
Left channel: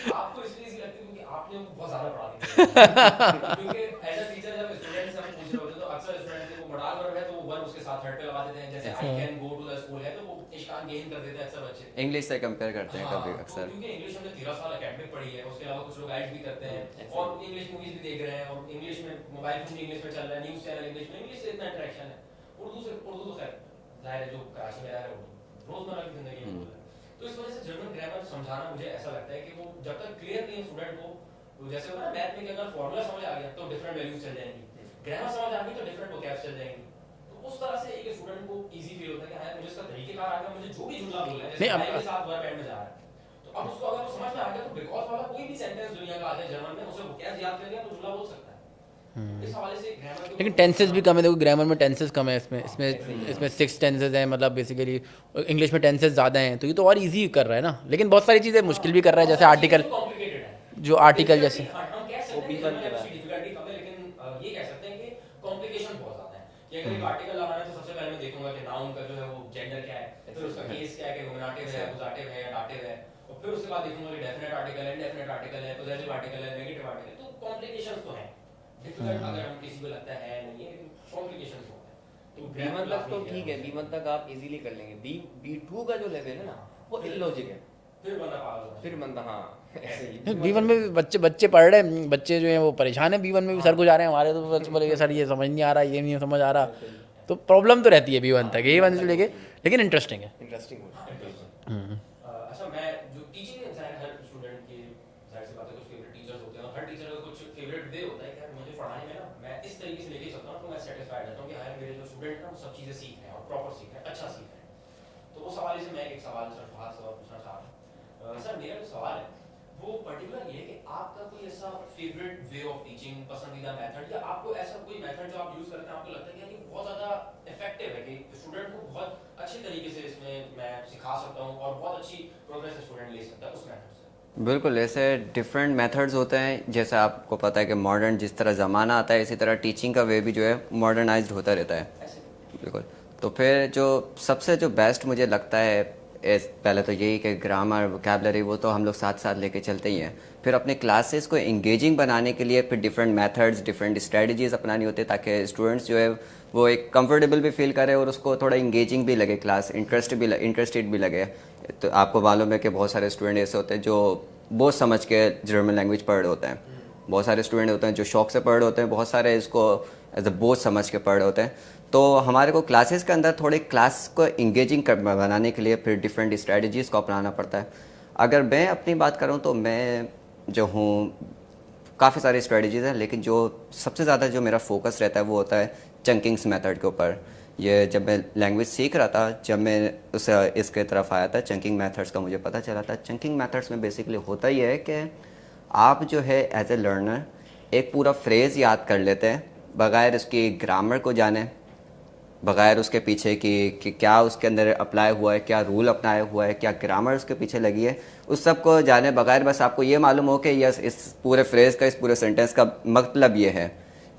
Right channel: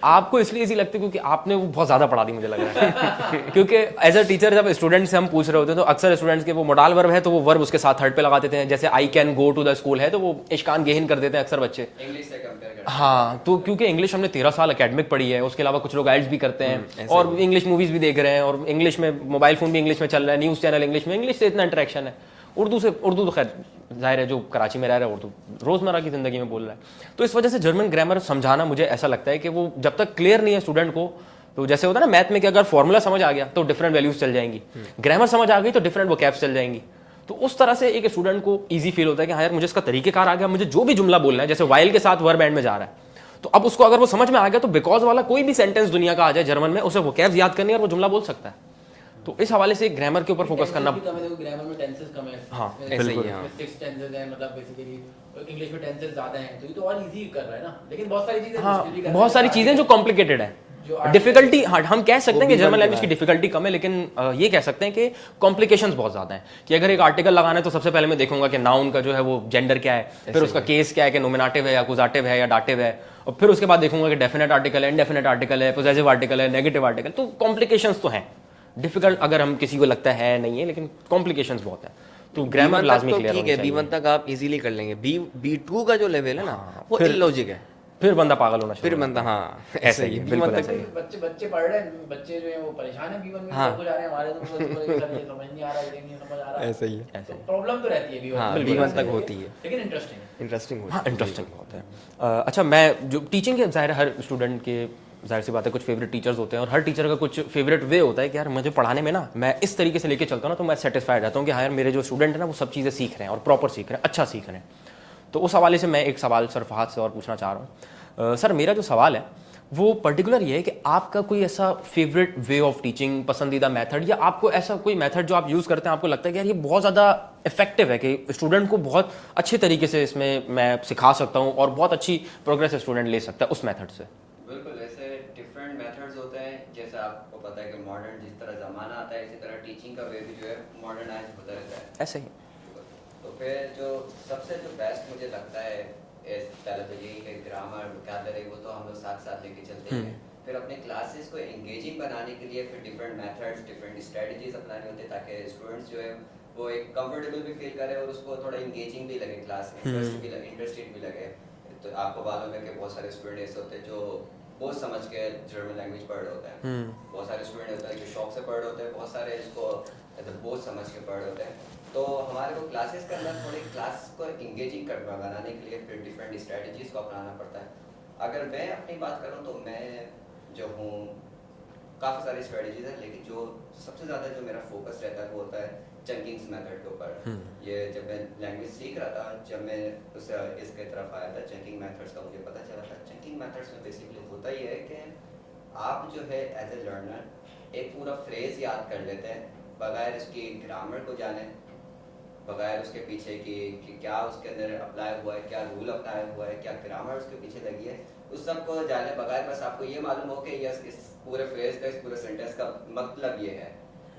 आपको इसलिए इजी लगती है क्योंकि आपने वो बहुत ज़्यादा पढ़ा दी मुझे लग रहा है। क्योंकि एज अ टीचर जब स्टूडेंट से हम पूछ रहे होते हैं तो अक्सर स्टूडेंट्स के वो मोडाल वर्ब है तो वो वर्ब उसके साथ थर्ड पे लगा देते हैं। जैसे I can go to the school है तो वो इश्कान गेहन कर देते हैं अक्सर बच्चे इंग्लिश से कंपेयर करते हैं। हाँ, तो क्योंकि इंग्लिश हमने 13 साल अकेडमिक पढ़ी है, उसके अलावा कुछ लोग आइल्स भी करते हैं और इंग्लिश मूवीज़ भी देख रहे हैं और इंग्लिश में मोबाइल फ़ोन भी इंग्लिश में चल रहा है, न्यूज़ चैनल इंग्लिश में, इंग्लिश से इतना इंटरेक्शन है। उर्दू तो खैर जाहिर है जो कराची में रह रहा है उर्दू रोज़मर्रा की ज़िंदगी में बोल रहा है। तो इस वजह से जर्मन ग्रामर समझाना मुझे ऐसा लगता है कि वो जब तक क्लियर नहीं है स्टूडेंट को, तो जैसे होता है ना मैथ में कि अगर फॉर्मूला समझ आ गया तो डिफरेंट वैल्यूज चल जाएंगी, ग्रामर समझ आ गई तो डिफरेंट वोकैब्स चल जाएंगी। तो उस तरह से एक स्टूडेंट को ईजी फील होता है कि हाँ यार मुझे इसका तरीकेकार आ गया, मुझे जो भी जुमला बोलना है, जैसे वाइल के साथ वर्ब एंड में जा रहा है तो अब उसको अगर वो समझ में आ गया तो बिकॉज वाला कोई भी सेंटेंस दुनिया का आ जाए जर्मन में, उसे वोकैब्स याद करनी और वो जुमला बोल सकता है। तो इस हवाले से ग्रामर के ऊपर टेंसेस भी कम है। देखो ग्रामर में टेंसेस कम है, बिल्कुल, इसमें 6 टेंसेस हैं, मतलब बेसिकली इंग्लिश में टेंसेस ज़्यादा हैं, तो ये तो और इजी कर रहा है ना। लेकिन बहुत सारी चीज़ें मुश्किल भी कर रहा है, बहुत सारी चीज़ें जो कॉम्प्लिकेटेड है, जो डिफिकल्टी। हाँ, हम कह सकते हैं कि जर्मन लैंग्वेज की डिफिकल्टी कम है, लेकिन ये कह सकते हैं कि कॉम्प्लिकेशंस बहुत ज़्यादा हैं। कि अगर एक आर्टिकल लगाना है तो सबसे पहले मैं देखूंगा कि नाउन का जो है वो जेंडर क्या है, फिर उसका केस क्या है कि नोमिनेटिव है या अक्यूजेटिव है या डाटिव है, और फिर उसके बाद देखूंगा कि डेफिनेट आर्टिकल है, इंडेफिनेट आर्टिकल है, पॉसेसिव आर्टिकल है, नेगेटिव आर्टिकल। तो कॉम्प्लिकेशंस तो हैं, डिफिकल्ट अगर हम किसी को लगता है नहीं है, लेकिन कॉम्प्लिकेशंस बहुत है। तो ग्रामर लाजमी क्लियर होना चाहिए। B1 तक आप इजीली कर लेंगे। B2 का जो लेवल है ना वो इलॉजिक है, फिर बंदा पागल होना फिर बंदा, हाँ ऐसा ही है। B1 में भी बच्चे पढ़ रहे हैं, बच्चे जो हैं वो परेशान है B1 में भी। सर को जा रहे हैं हमारे तो बच्चे बोले सर ये समझ नहीं आ रहा, ये नहीं समझ आ रहा, ऐसा ही है। तो प्रॉब्लम तो रहती है B1 तक, B1 तक होती है, लेकिन इंटरेस्टिंग है। इंटरेस्टिंग हाँ, इंटरेस्टिंग। अच्छा, मैं जो टीचिंग के ज़ाहिर हर स्टूडेंट के जाहिर सी बात है कुछ फेवरेट टीचर्स होते हैं और हर टीचर का कुछ फेवरेट वे होता है कि यार मुझे पढ़ाने में ना मैं इस तरीके से लेके चलता हूँ ना तो मैं सेटिस्फाइड रहता हूँ कि हाँ यार मेरे जो स्टूडेंट हैं ना वो सब चीज़ें सीख रहे हैं और प्रॉपर सीख रहे हैं, अच्छा सीख रहे हैं। तो उस हवाले से मैं एक सवाल सर फहद से और पूछना चाह रहा हूँ। सर मेरा जो सवाल है वो पर्टिकुलर ये है कि आपका कोई ऐसा फेवरेट वे ऑफ टीचिंग, पसंदीदा मेथड, या आपको ऐसा कोई मेथड जो आप यूज़ करते हैं आपको लगता है कि यार ये बहुत ज़्यादा इफेक्टिव है कि स्टूडेंट को बहुत अच्छे तरीके से इसमें मैं सिखा सकता हूँ और बहुत अच्छी प्रोग्रेस स्टूडेंट ले सकता है उस मेथड से? बिल्कुल, ऐसे डिफरेंट मेथड्स होते हैं। जैसे आपको पता है कि मॉडर्न जिस तरह ज़माना आता है इसी तरह टीचिंग का वे भी जो है मॉडर्नाइज्ड होता रहता है। ऐसे ही बिल्कुल। तो फिर जो सबसे जो बेस्ट मुझे लगता है पहले तो यही कि ग्रामर, वोकैबलरी वो तो हम लोग साथ साथ लेके चलते ही हैं। फिर अपने क्लासेस को इंगेजिंग बनाने के लिए फिर डिफरेंट मेथड्स, डिफरेंट स्ट्रेटजीज अपनानी होती है ताकि स्टूडेंट्स जो है वो एक कंफर्टेबल भी फील करे और उसको थोड़ा इंगेजिंग भी लगे, क्लास इंटरेस्टेड भी लगे। तो आपको मालूम है कि बहुत सारे स्टूडेंट ऐसे होते हैं जो बहुत समझ के जर्मन लैंग्वेज पढ़ रहे होते हैं, बहुत सारे स्टूडेंट होते हैं जो शौक से पढ़ रहे होते हैं, बहुत सारे इसको एज अ बोझ समझ के पढ़ रहे होते हैं। तो हमारे को क्लासेस के अंदर थोड़े क्लास को इंगेजिंग बनाने के लिए फिर डिफरेंट स्ट्रेटजीज़ को अपनाना पड़ता है। अगर मैं अपनी बात करूं तो मैं जो हूं काफ़ी सारी स्ट्रेटजीज़ हैं, लेकिन जो सबसे ज़्यादा जो मेरा फोकस रहता है वो होता है चंकिंग्स मेथड के ऊपर। ये जब मैं लैंग्वेज सीख रहा था, जब मैं इसके तरफ आया था, चंकिंग मेथड्स का मुझे पता चला था। चंकिंग मेथड्स में बेसिकली होता ही है कि आप जो है एज ए लर्नर एक पूरा फ्रेज़ याद कर लेते हैं बगैर उसकी ग्रामर को जाने, बगैर उसके पीछे कि क्या उसके अंदर अप्लाई हुआ है, क्या रूल अपनाया हुआ है, क्या ग्रामर उसके पीछे लगी है, उस सब को जाने बगैर बस आपको ये मालूम हो कि यस इस पूरे फ्रेज़ का, इस पूरे सेंटेंस का मतलब ये है,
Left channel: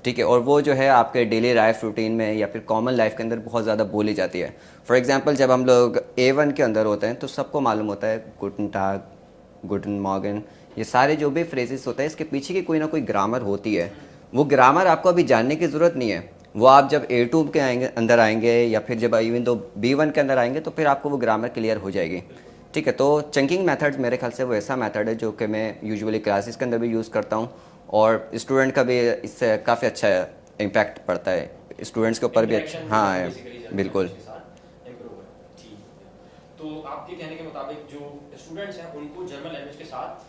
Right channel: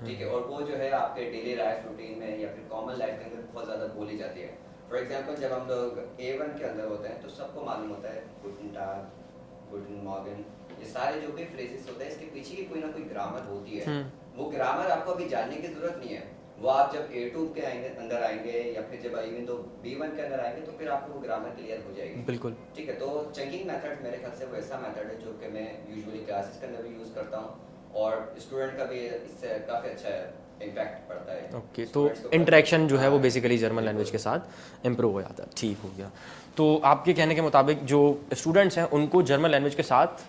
ठीक है। और वो जो है आपके डेली लाइफ रूटीन में या फिर कॉमन लाइफ के अंदर बहुत ज़्यादा बोली जाती है। फॉर एग्जांपल जब हम लोग A1 के अंदर होते हैं तो सबको मालूम होता है गुटन टाग, गुटन मॉर्गन, ये सारे जो भी फ्रेजेस होते हैं इसके पीछे की कोई ना कोई ग्रामर होती है। वो ग्रामर आपको अभी जानने की ज़रूरत नहीं है, वो आप जब A2 के अंदर आएंगे या फिर जब इवन तो B1 के अंदर आएंगे तो फिर आपको वो ग्रामर क्लियर हो जाएगी। बिल्कुल, ठीक है। तो चंकिंग मेथड मेरे ख्याल से वो ऐसा मेथड है जो कि मैं यूजुअली क्लासेस के अंदर भी यूज़ करता हूँ और स्टूडेंट का भी इससे काफ़ी अच्छा इम्पैक्ट पड़ता है स्टूडेंट्स के ऊपर। इंटरेक्शन जो है वो हाँ, बेसिकली जर्मन लैंग्वेज के साथ इम्प्रूव हो जाता है। ठीक हो गया। तो आपके कहने के मुताबिक जो स्टूडेंट्स हैं उनको जर्मन लैंग्वेज के साथ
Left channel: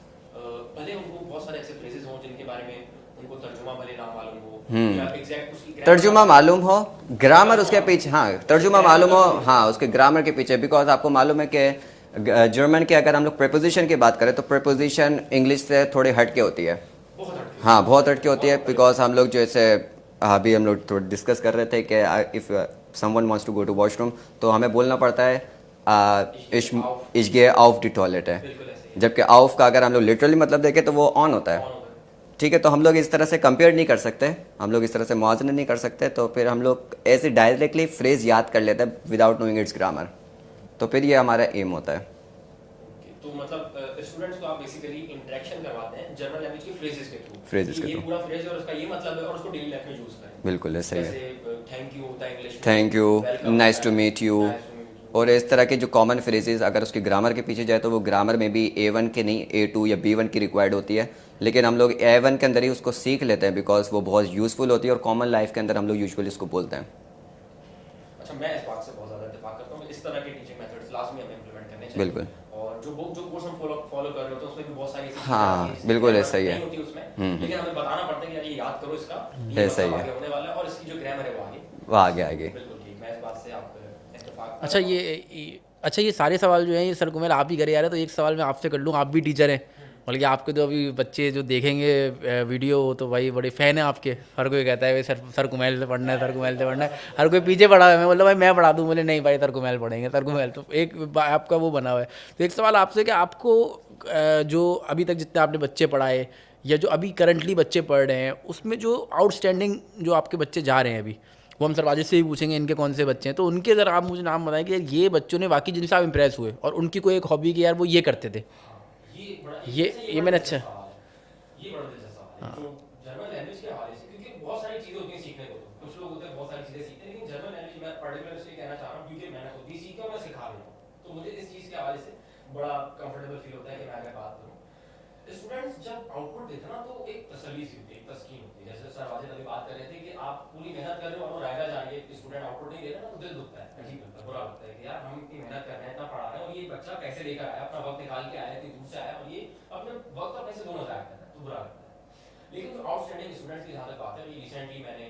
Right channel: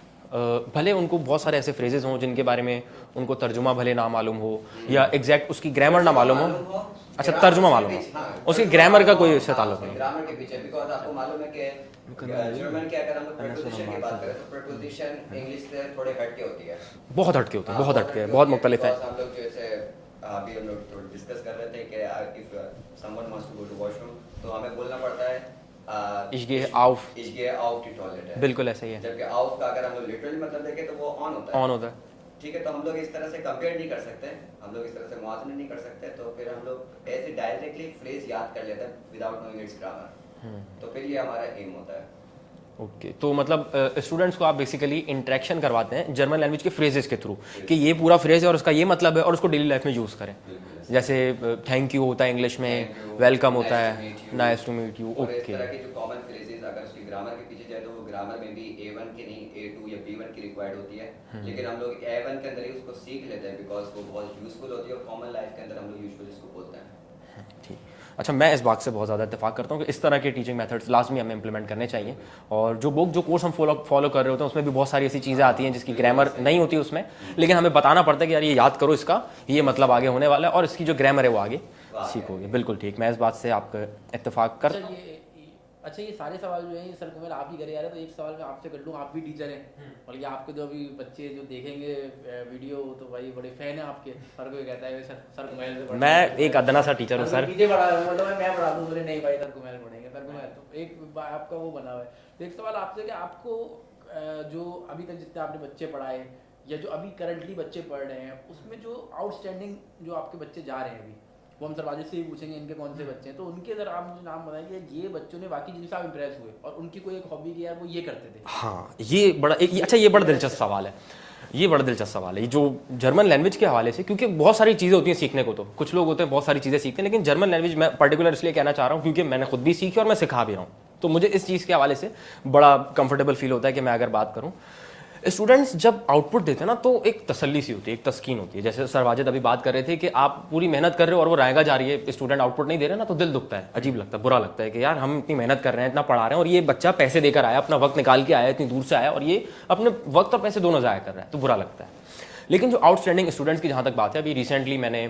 भले उनको बहुत सारे ऐसे फ्रेजेस हों जिनके बारे में उनको तर्जुमा भले ना मालूम हो या एग्जैक्ट उसकी ग्रामर तर्जुमा मालूम हो, ग्रामर उसके पीछे, हाँ तर्जुमा मालूम हो, हाँ उसके ग्रामर के पीछे। बिकॉज आपको मालूम है कि जर्मन के अगर हम लोग प्रीपोजिशन की बात करें तो प्रीपोजिशन इंग्लिश से थोड़े हट के होती है, बहुत हटके होती है। हाँ बहुत हटके होती है। बिकॉज हम लोग जैसे अभी हम लोग थोड़ा डिस्कस कर रहे थे कि if someone wants to go to washroom तो हमें बोलना पड़ता है ich gehe auf die Toilette। बिल्कुल ऐसे ही है। जबकि auf का अगर हम लोग लिटरली मतलब देखें तो वो ऑन होता है, ऑन होता है। ठीक है। तो हम लोग इस तरह से कंपेयर नहीं कर सकते, हम लोग इस तरह से मुआवजा नहीं कर सकते, तो फिर हम लोग ऐसे डायरेक्टली फ्रेज याद कर लेते हैं विदाउट नोइंग इट्स ग्रामर। तो फिर ये हमारा एम होता है। ओके तो मतलब स्टूडेंट्स को आप बेसिकली इंटरेक्शन करवाते हैं जर्मन लैंग्वेज के फ्रेजेस के थ्रू कि ये पूरा फ्रेज है और उसका ये मतलब है और उसको डेली लाइफ में यूज करें। बिल्कुल ऐसे जैसे थैंक यू होता है इंग्लिश में, thank you, welcome, nice to meet you, nice to meet you. और इस तरह के जो कॉमन फ्रेजेस अगर उसकी ग्रामर के पीछे जाए तो वो ग्रामर में भी A1 के नहीं A2 या B1 की रिक्वायर्ड होती है, लेकिन हम लोग A1 के अंदर ही उसको सीख लेते हैं बिकॉज वो बहुत यूजफुल होती है और कॉमन लाइफ के अंदर हम लोग यूजुअली इसको बोलते हैं। अच्छा, मैं इस बात से बहुत ज़्यादा इत्तेफाक करता हूँ कि इस तरह के टीचिंग मेथड्स लाजमी हमें इंप्लीमेंट करने चाहिए। बिल्कुल। और जो कोर्स हम फॉलो कर रहे होते हैं उसमें भी बहुत सारी ऐसी चीज़ें आती हैं जिसकी ग्रामर नहीं होती उसमें, लेकिन हमें बताना पड़ता है कि यार ये याद करो, इसका ये मतलब आगे होने वाला है और इसकी जो ग्रामर है वो आगे। बिल्कुल ठीक, मैं इस बात से आपका इत्तेफाक कर। अच्छा ये सारे सवाल जो हैं ये सर कुमेल आप ही करे यार, तो एक सवाल मैं आपसे कर लूँ, आप भी टीचर हैं, बल्कि आपके जो अभी बच्चे जो देखेंगे वीडियो तो भाई बड़े फैन हैं आपके, हर कोई कहता है सर कुमेल ने पढ़ना है, हर कोई पीछे पढ़ा है, मैं मतलब भाई मैं पढ़ा दूँ, बोले नहीं भाई सर कुमेल पढ़ेंगे, सर कुमेल। तो एक आपका वो बना हुआ है। तो एक सवाल आपसे कि आपको जो अभी तक जितने आपने बच्चे पढ़ाए या जो अभी करंटली बच्चे पढ़ रहे हैं उसमें जो आउटस्टैंडिंग जो आपके बच्चे जा रहे हैं अभी, वो हम सरवाजिद से भी पूछेंगे इनके कौन से बच्चे हैं, तो उनके ज़रा आप मुझे नाम बताएं कि यार ये बच्चों ने वाकई जिनसे आप इम्प्रेस हुए और उनकी कोई एक हॉबी की यार वो ये करते थे। हाँ ये बड़ा ये बड़ा दिलचस्प सवाल है, ये बड़ा दिलचस्प सवाल है जो जर्मन लैंग्वेज के हवाले से, क्योंकि बहुत सारी चीज़ें होती हैं सीखने को। तो कुछ लोग होते हैं बहुत सारी चीज़ें सीखते हैं, लेकिन जर्मन लैंग्वेज मैं पर्टिकुलर इसलिए कहना चाह रहा हूँ क्योंकि मैंने खुद भी सीखी और मैं सिखा भी रहा हूँ, तो मुझे इस चीज़ के हवाले से बड़ा कंफर्टेबल फील होता है कि मैं अगर बात करूँ। स्टूडेंट्स जब आउटपुट देते हैं ना तो एक तसल्ली सी होती है, एक तस्कीन होती है। जैसे सर वाजिद अभी बात कर रहे थे कि आप पूरी मेहनत कर रहे हो और वो रायगा जा रही है, स्टूडेंट आउटपुट नहीं दे रहे ना, तो दिल दुखता है, अजीब लगता है, बुरा लगता है कि यार हम इतनी मेहनत कर रहे हैं, इतना पढ़ा रहे हैं और ये बच्चा पैसे देकर आया, अपना वक्त निकाल के आया, इतनी दूर से आया और ये अपने वक्त और पैसे दोनों ज़ाया कर रहा है, तो बुरा लगता है। लेकिन जो आउटस्टैंडिंग स्टूडेंट्स की जहाँ तक बात है, अभी रिसेंटली मैंने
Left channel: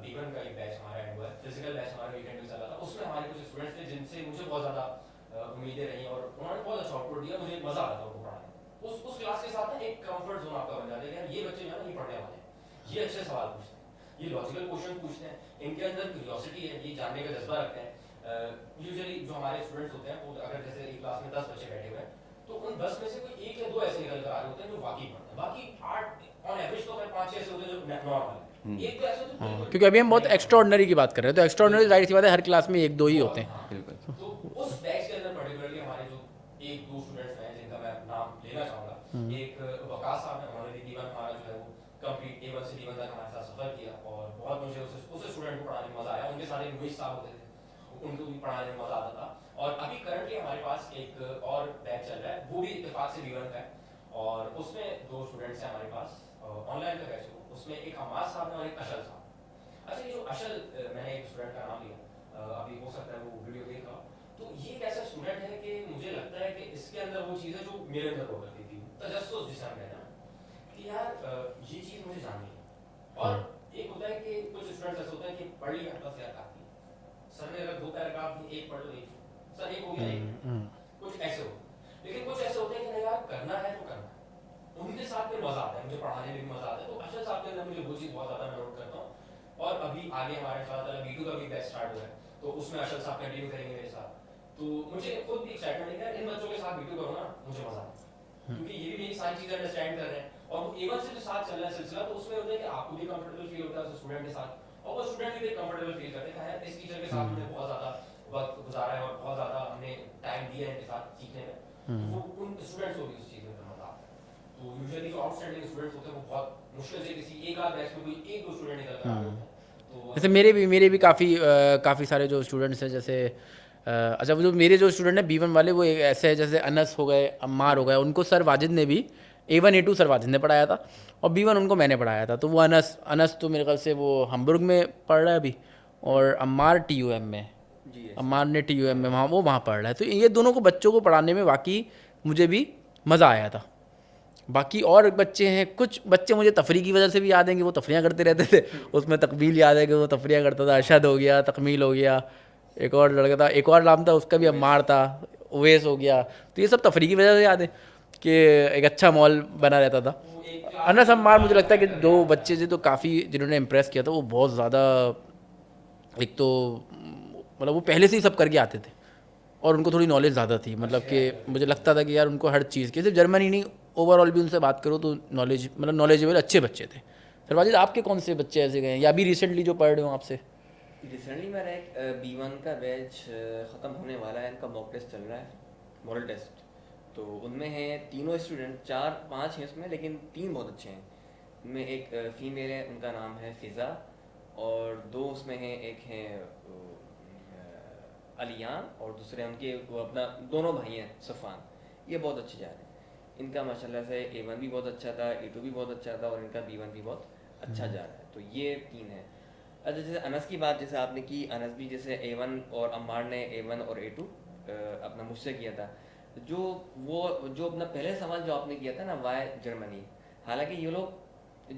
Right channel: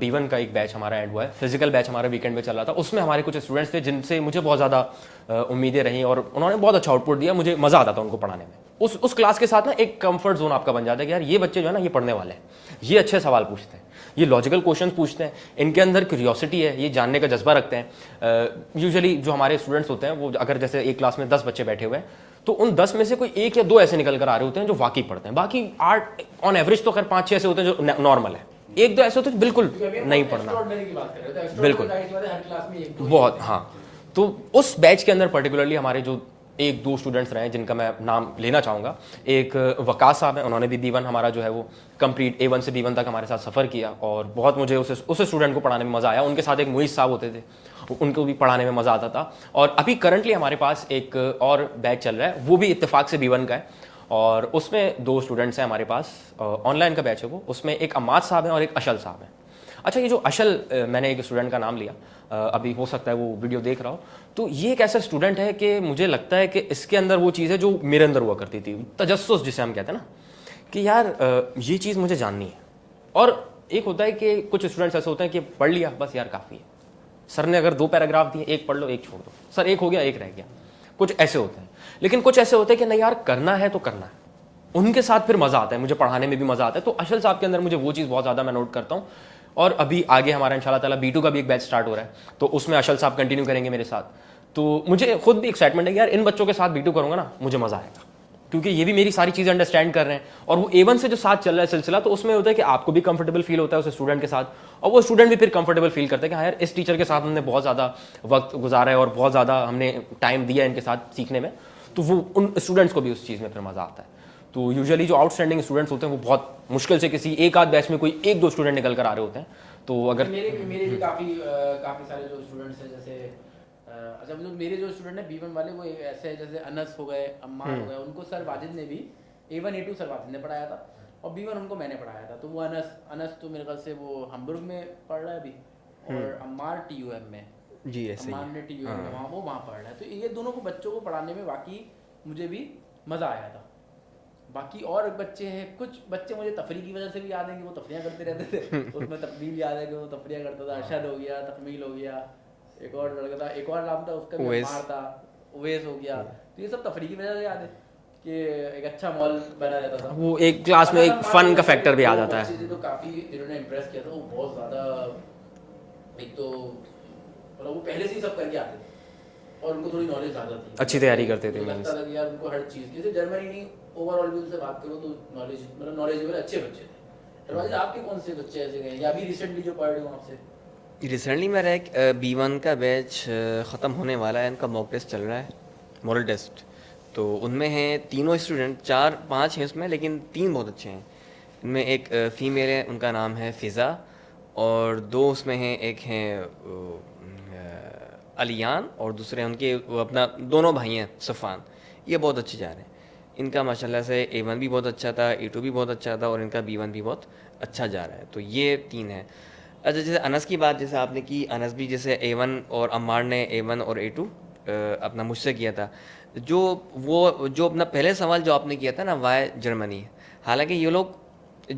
B1 का एक बैच हमारा एंड हुआ है, फिजिकल बैच हमारा वीकेंड में चल रहा था, उसमें हमारे कुछ स्टूडेंट्स थे जिनसे मुझे बहुत ज़्यादा उम्मीदें रहीं और उन्होंने बहुत अच्छा आउटपुट दिया, मुझे मज़ा आता था उनको पढ़ाने में। उस क्लास के साथ ना एक कंफर्ट जोन आपका बन जाता है कि यार ये बच्चे जो है ना ये पढ़ने वाले हैं, ये अच्छे सवाल पूछते हैं, ये लॉजिकल क्वेश्चन पूछते हैं, इनके अंदर क्यूरियोसिटी है, ये जानने का जज्बा रखते हैं। यूजुअली जो हमारे स्टूडेंट्स होते हैं वो अगर जैसे एक क्लास में 10 बच्चे बैठे हुए हैं तो उन 10 में से कोई 1 या 2 ऐसे निकल कर आ रहे होते हैं जो वाकई पढ़ते हैं, बाकी 8 ऑन एवरेज तो खैर 5-6 ऐसे होते हैं जो नॉर्मल है, 1-2 ऐसे होते हैं बिल्कुल, क्योंकि अभी हम बहुत एक्स्ट्राऑर्डिनरी की बात कर रहे हैं, तो एक्स्ट्राऑर्डिनरी जाहिर सी बात है हर क्लास में 1-2 ही बहुत होते हैं। हाँ। तो उस बैच के अंदर पर्टिकुलरली हमारे जो 1-2 स्टूडेंट्स रहे जिनका मैं नाम लेना चाहूँगा, एक वकास साहब हैं, उन्होंने भी B1 हमारा जो है वो कंप्लीट A1 से B1 तक हमारे साथ सफ़र किया और बहुत मुझे उस स्टूडेंट को पढ़ाने में मज़ा आया। उनके साथ एक मुइज़ साहब होते थे, उनको भी पढ़ाने में मज़ा आता था। और अभी करंटली हमारे पास एक और बैच चल रहा है, वो भी इत्तेफाक से B1 का है और उसमें 2 स्टूडेंट्स हैं हमारे पास, ऑनलाइन का बैच है वो, उसमें एक अम्माद साहब हैं और एक अशल साहब हैं। अच्छा, ये जो अशल मैंने एक स्टूडेंट का नाम लिया, अभी हो सकता है वो वीडियो देख रहा हो, तो ये एक ऐसा स्टूडेंट है कि मुझे लगता है कि इसके अंदर वो चीज़ है जो मेरे अंदर हुआ करती थी, तजस्सुस जिसे हम कहते हैं ना, कि यार ये चीज़ मुझे जाननी है। और एक होता है कि कुछ स्टूडेंट्स ऐसे होते हैं कि पढ़ लिया बस यार काफ़ी है, सर ने अगर 2 पैराग्राफ दिए, एक पढ़ लो एक छोड़ दो, सर एक हो गया एक रह गया, कुछ ऐसे होते हैं। लेकिन कुछ ऐसे होते हैं कि नहीं यार करना है तो करना है, उनके साथ फिर मज़ा आता है, मुझे पढ़ाने में भी मज़ा आता है। तो अशल साहब के अंदर मुझे वो चीज़ बहुत ज़्यादा मैं नोट करता हूँ। और अभी आगे हमारा इंशाल्लाह ताला B2 का भी एक बैच स्टार्ट हो रहा है, तो उसमें अशल साहब कंटिन्यू करेंगे मेरे साथ। तो मुझे खुद भी एक्साइटमेंट है कि यार इन बच्चों के साथ B2 करूँगा ना मुझे मज़ा आएगा, क्योंकि ये भी मेरी सारी चीज़ें अंडरस्टैंड कर रहे हैं। और वो A1 से जो साथ चल रहा है सिलसिला, तो उसमें होता है कि आपको भी कंफर्टेबल फील होता है उस स्टूडेंट के साथ, और वो स्टूडेंट भी फिर कंफर्टेबल फील करता है कि हाँ यार इस टीचर के साथ हमने बहुत ज़्यादा वक्त गुजारा है और बहुत ज़्यादा हमने टाइम दिया इनके साथ सीखने में, तो वो उन स्टूडेंट्स को भी उस चीज़ में फिर मज़ा आता है। तो यूजुअली जो आउटस्टैंडिंग स्टूडेंट्स होते हैं वो बहुत मुश्किल से किसी एक आध बैच में कोई 1-2 स्टूडेंट निकल कर आ रहे होते हैं। तो अगर मेरे भी काफ़ी सारे जो स्टूडेंट्स हैं, जैसे अच्छा जो मेरे जो स्टूडेंट हैं B1 वाले, वो ऐसे हैं जैसे अनस हो गए, अम्मार हो गए, उनको सर वाजिद ने भी A1 A2 सर वाजिद ने पढ़ाया था और B1 उनको मैंने पढ़ाया था। तो वो अनस तो मेरे ख्याल से वो हमबुर्ग में पढ़ रहा है अभी, और अम्मार TUM में, जी अम्मार ने TUM में वहाँ पढ़ रहा है। तो ये दोनों को बच्चों को पढ़ाने में वाकई मुझे भी मज़ा आया था। बाकी और बच्चे हैं, कुछ बच्चे मुझे तफरी की वजह से भी याद हैं कि वो तफरियाँ करते रहते थे उसमें तकमील याद है कि वो तफरियाँ करता था, अरशद हो गया, तकमील हो गया, एक और लड़का था, एक और नाम था उसका भी अम्मार था, उवैस हो गया। तो ये सब तफरी की वजह से याद है कि एक अच्छा मॉल बना रहता था। वो एक क्लास में एक फन का फैक्टर भी आ जाता है। बच्चे थे तो काफ़ी जिन्होंने इम्प्रेस किया था, वो बहुत ज़्यादा, एक तो मतलब वो पहले से ही सब करके आते थे और उनको थोड़ी नॉलेज ज़्यादा थी, अच्छी तैयारी करते थे। मुझे लगता था कि यार उनको हर चीज़ की, सिर्फ जर्मनी नहीं ओवरऑल भी उनसे बात करो तो नॉलेजेबल अच्छे बच्चे थे। वाजिद आपके कौन से बच्चे ऐसे गए या अभी रिसेंटली जो पढ़ रहे हो आपसे? रिसेंटली मेरा एक B1 का बैच ख़त्म होने वाला है, इनका मॉक टेस्ट चल रहा है, मॉडल टेस्ट। तो उनमें हैं तीनों स्टूडेंट, 4-5 हैं उसमें, लेकिन 3 बहुत अच्छे हैं। इनमें एक फ़ीमेल है, उनका नाम है फ़िज़ा, और 2 उसमें हैं, एक हैं अलियान और दूसरे उनके वो अपना दोनों भाई हैं सफ़ान। ये बहुत अच्छे जा रहे हैं। इनका माशाल्लाह से A1 भी बहुत अच्छा था, A2 भी बहुत अच्छा था और इनका B1 भी बहुत अच्छा जा रहा है। तो ये 3 है। अच्छा, जैसे अनस की बात जैसे आपने की, अनस भी जैसे A1 और अम्मार ने A1 और A2 अपना मुझसे किया था। जो अपना पहले सवाल जो आपने किया था ना, वाई जर्मनी, हालांकि ये लोग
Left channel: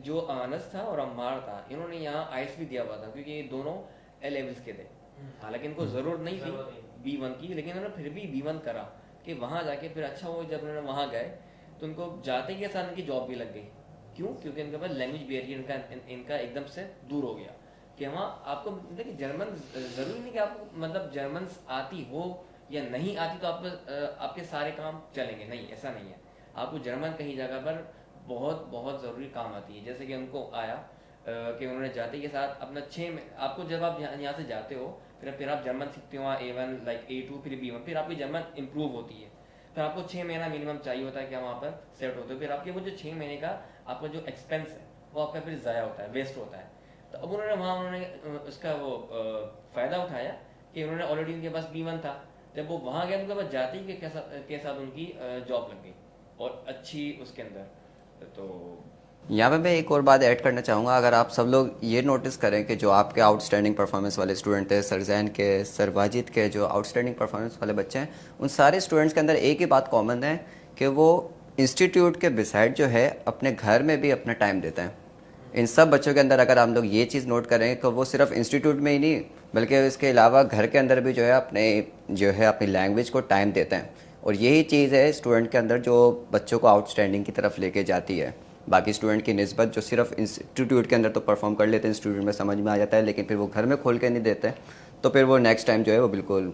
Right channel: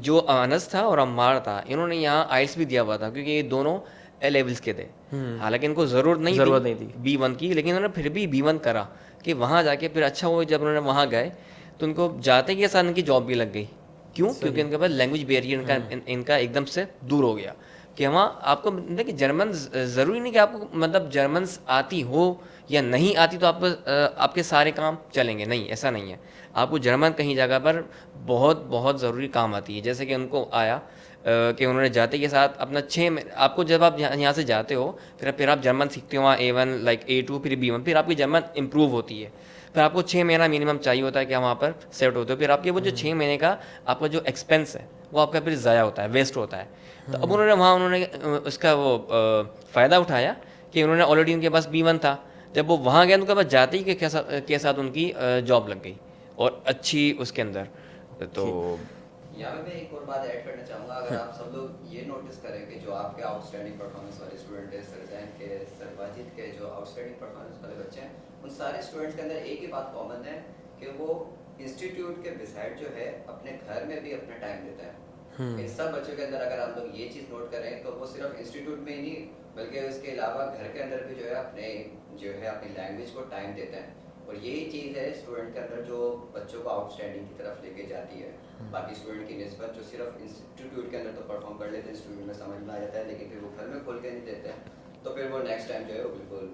जो अनस था और अम्मार था, इन्होंने यहाँ आइल्स भी दिया हुआ था क्योंकि ये दोनों ए लेवल्स के थे। हालांकि इनको ज़रूरत नहीं थी B1 की, लेकिन उन्होंने फिर भी B1 करा कि वहाँ जाके फिर अच्छा हुआ। जब उन्होंने वहाँ गए तो उनको जाते के साथ इनकी जॉब भी लग गई। क्यों? क्योंकि इनके पास लैंग्वेज बैरियर इनका एकदम से दूर हो गया कि वहाँ आपको देखिए जर्मन ज़रूरी नहीं कि आपको मतलब जर्मन आती हो या नहीं आती तो आपके सारे काम चलेंगे, नहीं, ऐसा नहीं है। आपको जर्मन कहीं जगह पर बहुत बहुत ज़रूरी काम आती है। जैसे कि उनको आया कि उन्होंने जाते के साथ अपना 6 आपको जब आप यहाँ से जाते हो फिर आप जर्मन सीखते हो, वहाँ A1 लाइक A2 फिर B1, फिर आपकी जर्मन इम्प्रूव होती है। फिर आपको 6 महीना मिनिमम चाहिए होता है कि वहाँ पर सेट होते हो। फिर आपके वो जो 6 महीने का आपका जो एक्सपेंस है वो आपका फिर ज़ाया होता है, वेस्ट होता है। तो अब उन्होंने उसका वो फ़ायदा उठाया कि उन्होंने ऑलरेडी उनके पास B1 था। जब वो वहाँ गए उनके पास जाते ही के साथ उनकी जॉब लग गई और अच्छी उसके अंदर। तो यहाँ पे मैं एक और बात ऐड करना चाहूँगा। अगर आप सब लोग ये नोटिस करें कि जो आपके आउटस्टैंडिंग परफॉर्मेंस वाले स्टूडेंट थे, सरजैन के, सर वाजिद के, जो आउटस्टैंडिंग परफॉर्मेंस वाले बच्चे हैं, उन सारे स्टूडेंट्स के अंदर एक ही बात कॉमन है कि वो इंस्टीट्यूट के बिसाइड जो है अपने घर में भी अपना टाइम देते हैं। इन सब बच्चों के अंदर अगर हम लोग ये चीज़ नोट करें कि वो सिर्फ इंस्टीट्यूट में ही नहीं बल्कि इसके अलावा घर के अंदर भी जो है अपनी लैंग्वेज को टाइम देते हैं। और यही चीज़ है स्टूडेंट के अंदर जो बच्चों को आउटस्टैंडिंग की तरफ लेके जाती है। बाकी स्टूडेंट की निस्बत जो सिर्फ इंस्टीट्यूट के अंदर तो परफॉर्म कर लेते हैं, इंस्टीट्यूट में समझ में आ जाता है, लेकिन फिर वो घर में खोल के नहीं देते, तो फिर वो नेक्स्ट टाइम जो है वो बिल्कुल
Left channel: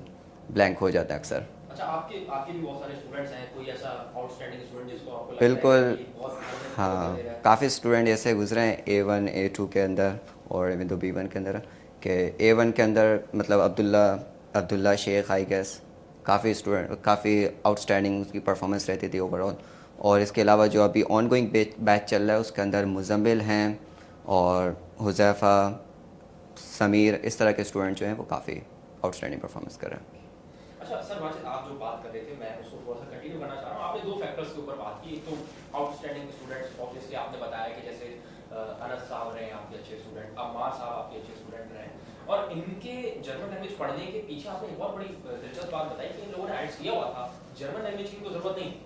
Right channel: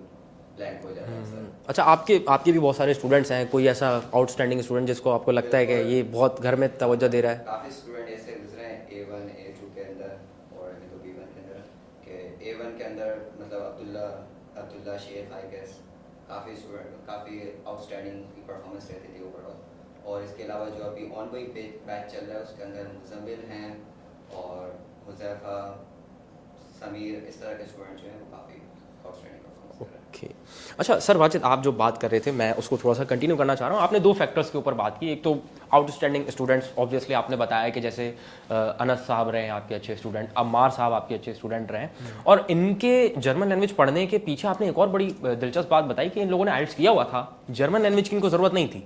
ब्लैंक हो जाता है अक्सर। अच्छा, आपके भी बहुत सारे स्टूडेंट्स हैं, कोई ऐसा आउटस्टैंडिंग स्टूडेंट जिसको आपको लगता है कि ये बहुत घर में तवज्जो दे रहा है? काफ़ी स्टूडेंट ऐसे गुजरे हैं A1 A2 के अंदर और इवन तो B1 के अंदर, कि A1 के अंदर मतलब अब्दुल्ला शेख आई गेस, काफ़ी स्टूडेंट काफ़ी आउटस्टैंडिंग उसकी परफॉर्मेंस रहती थी ओवरऑल। और इसके अलावा जो अभी ऑन गोइंग बैच चल रहा है उसके अंदर मुजम्मिल हैं और हुज़ैफ़ा, समीर, इस तरह के स्टूडेंट जो हैं वो काफ़ी आउटस्टैंडिंग परफॉर्मेंस कर रहे हैं। ओके। अच्छा सर वाजिद, आप जो बात कर रहे थे मैं उसको थोड़ा सा कंटिन्यू करना चाह रहा हूँ। आपने 2 फैक्टर्स के ऊपर बात की। एक तो आउटस्टैंडिंग स्टूडेंट्स, ऑब्वियसली आपने बताया कि जैसे अनस साहब रहे आपके अच्छे स्टूडेंट, अम्मार साहब आपके अच्छे स्टूडेंट रहे, और इनके जर्मन लैंग्वेज पढ़ने के पीछे आपने एक और बड़ी दिलचस्प बात बताई कि इन लोगों ने आइल्स किया हुआ था, जर्मन लैंग्वेज की इनको ज़रूरत नहीं थी,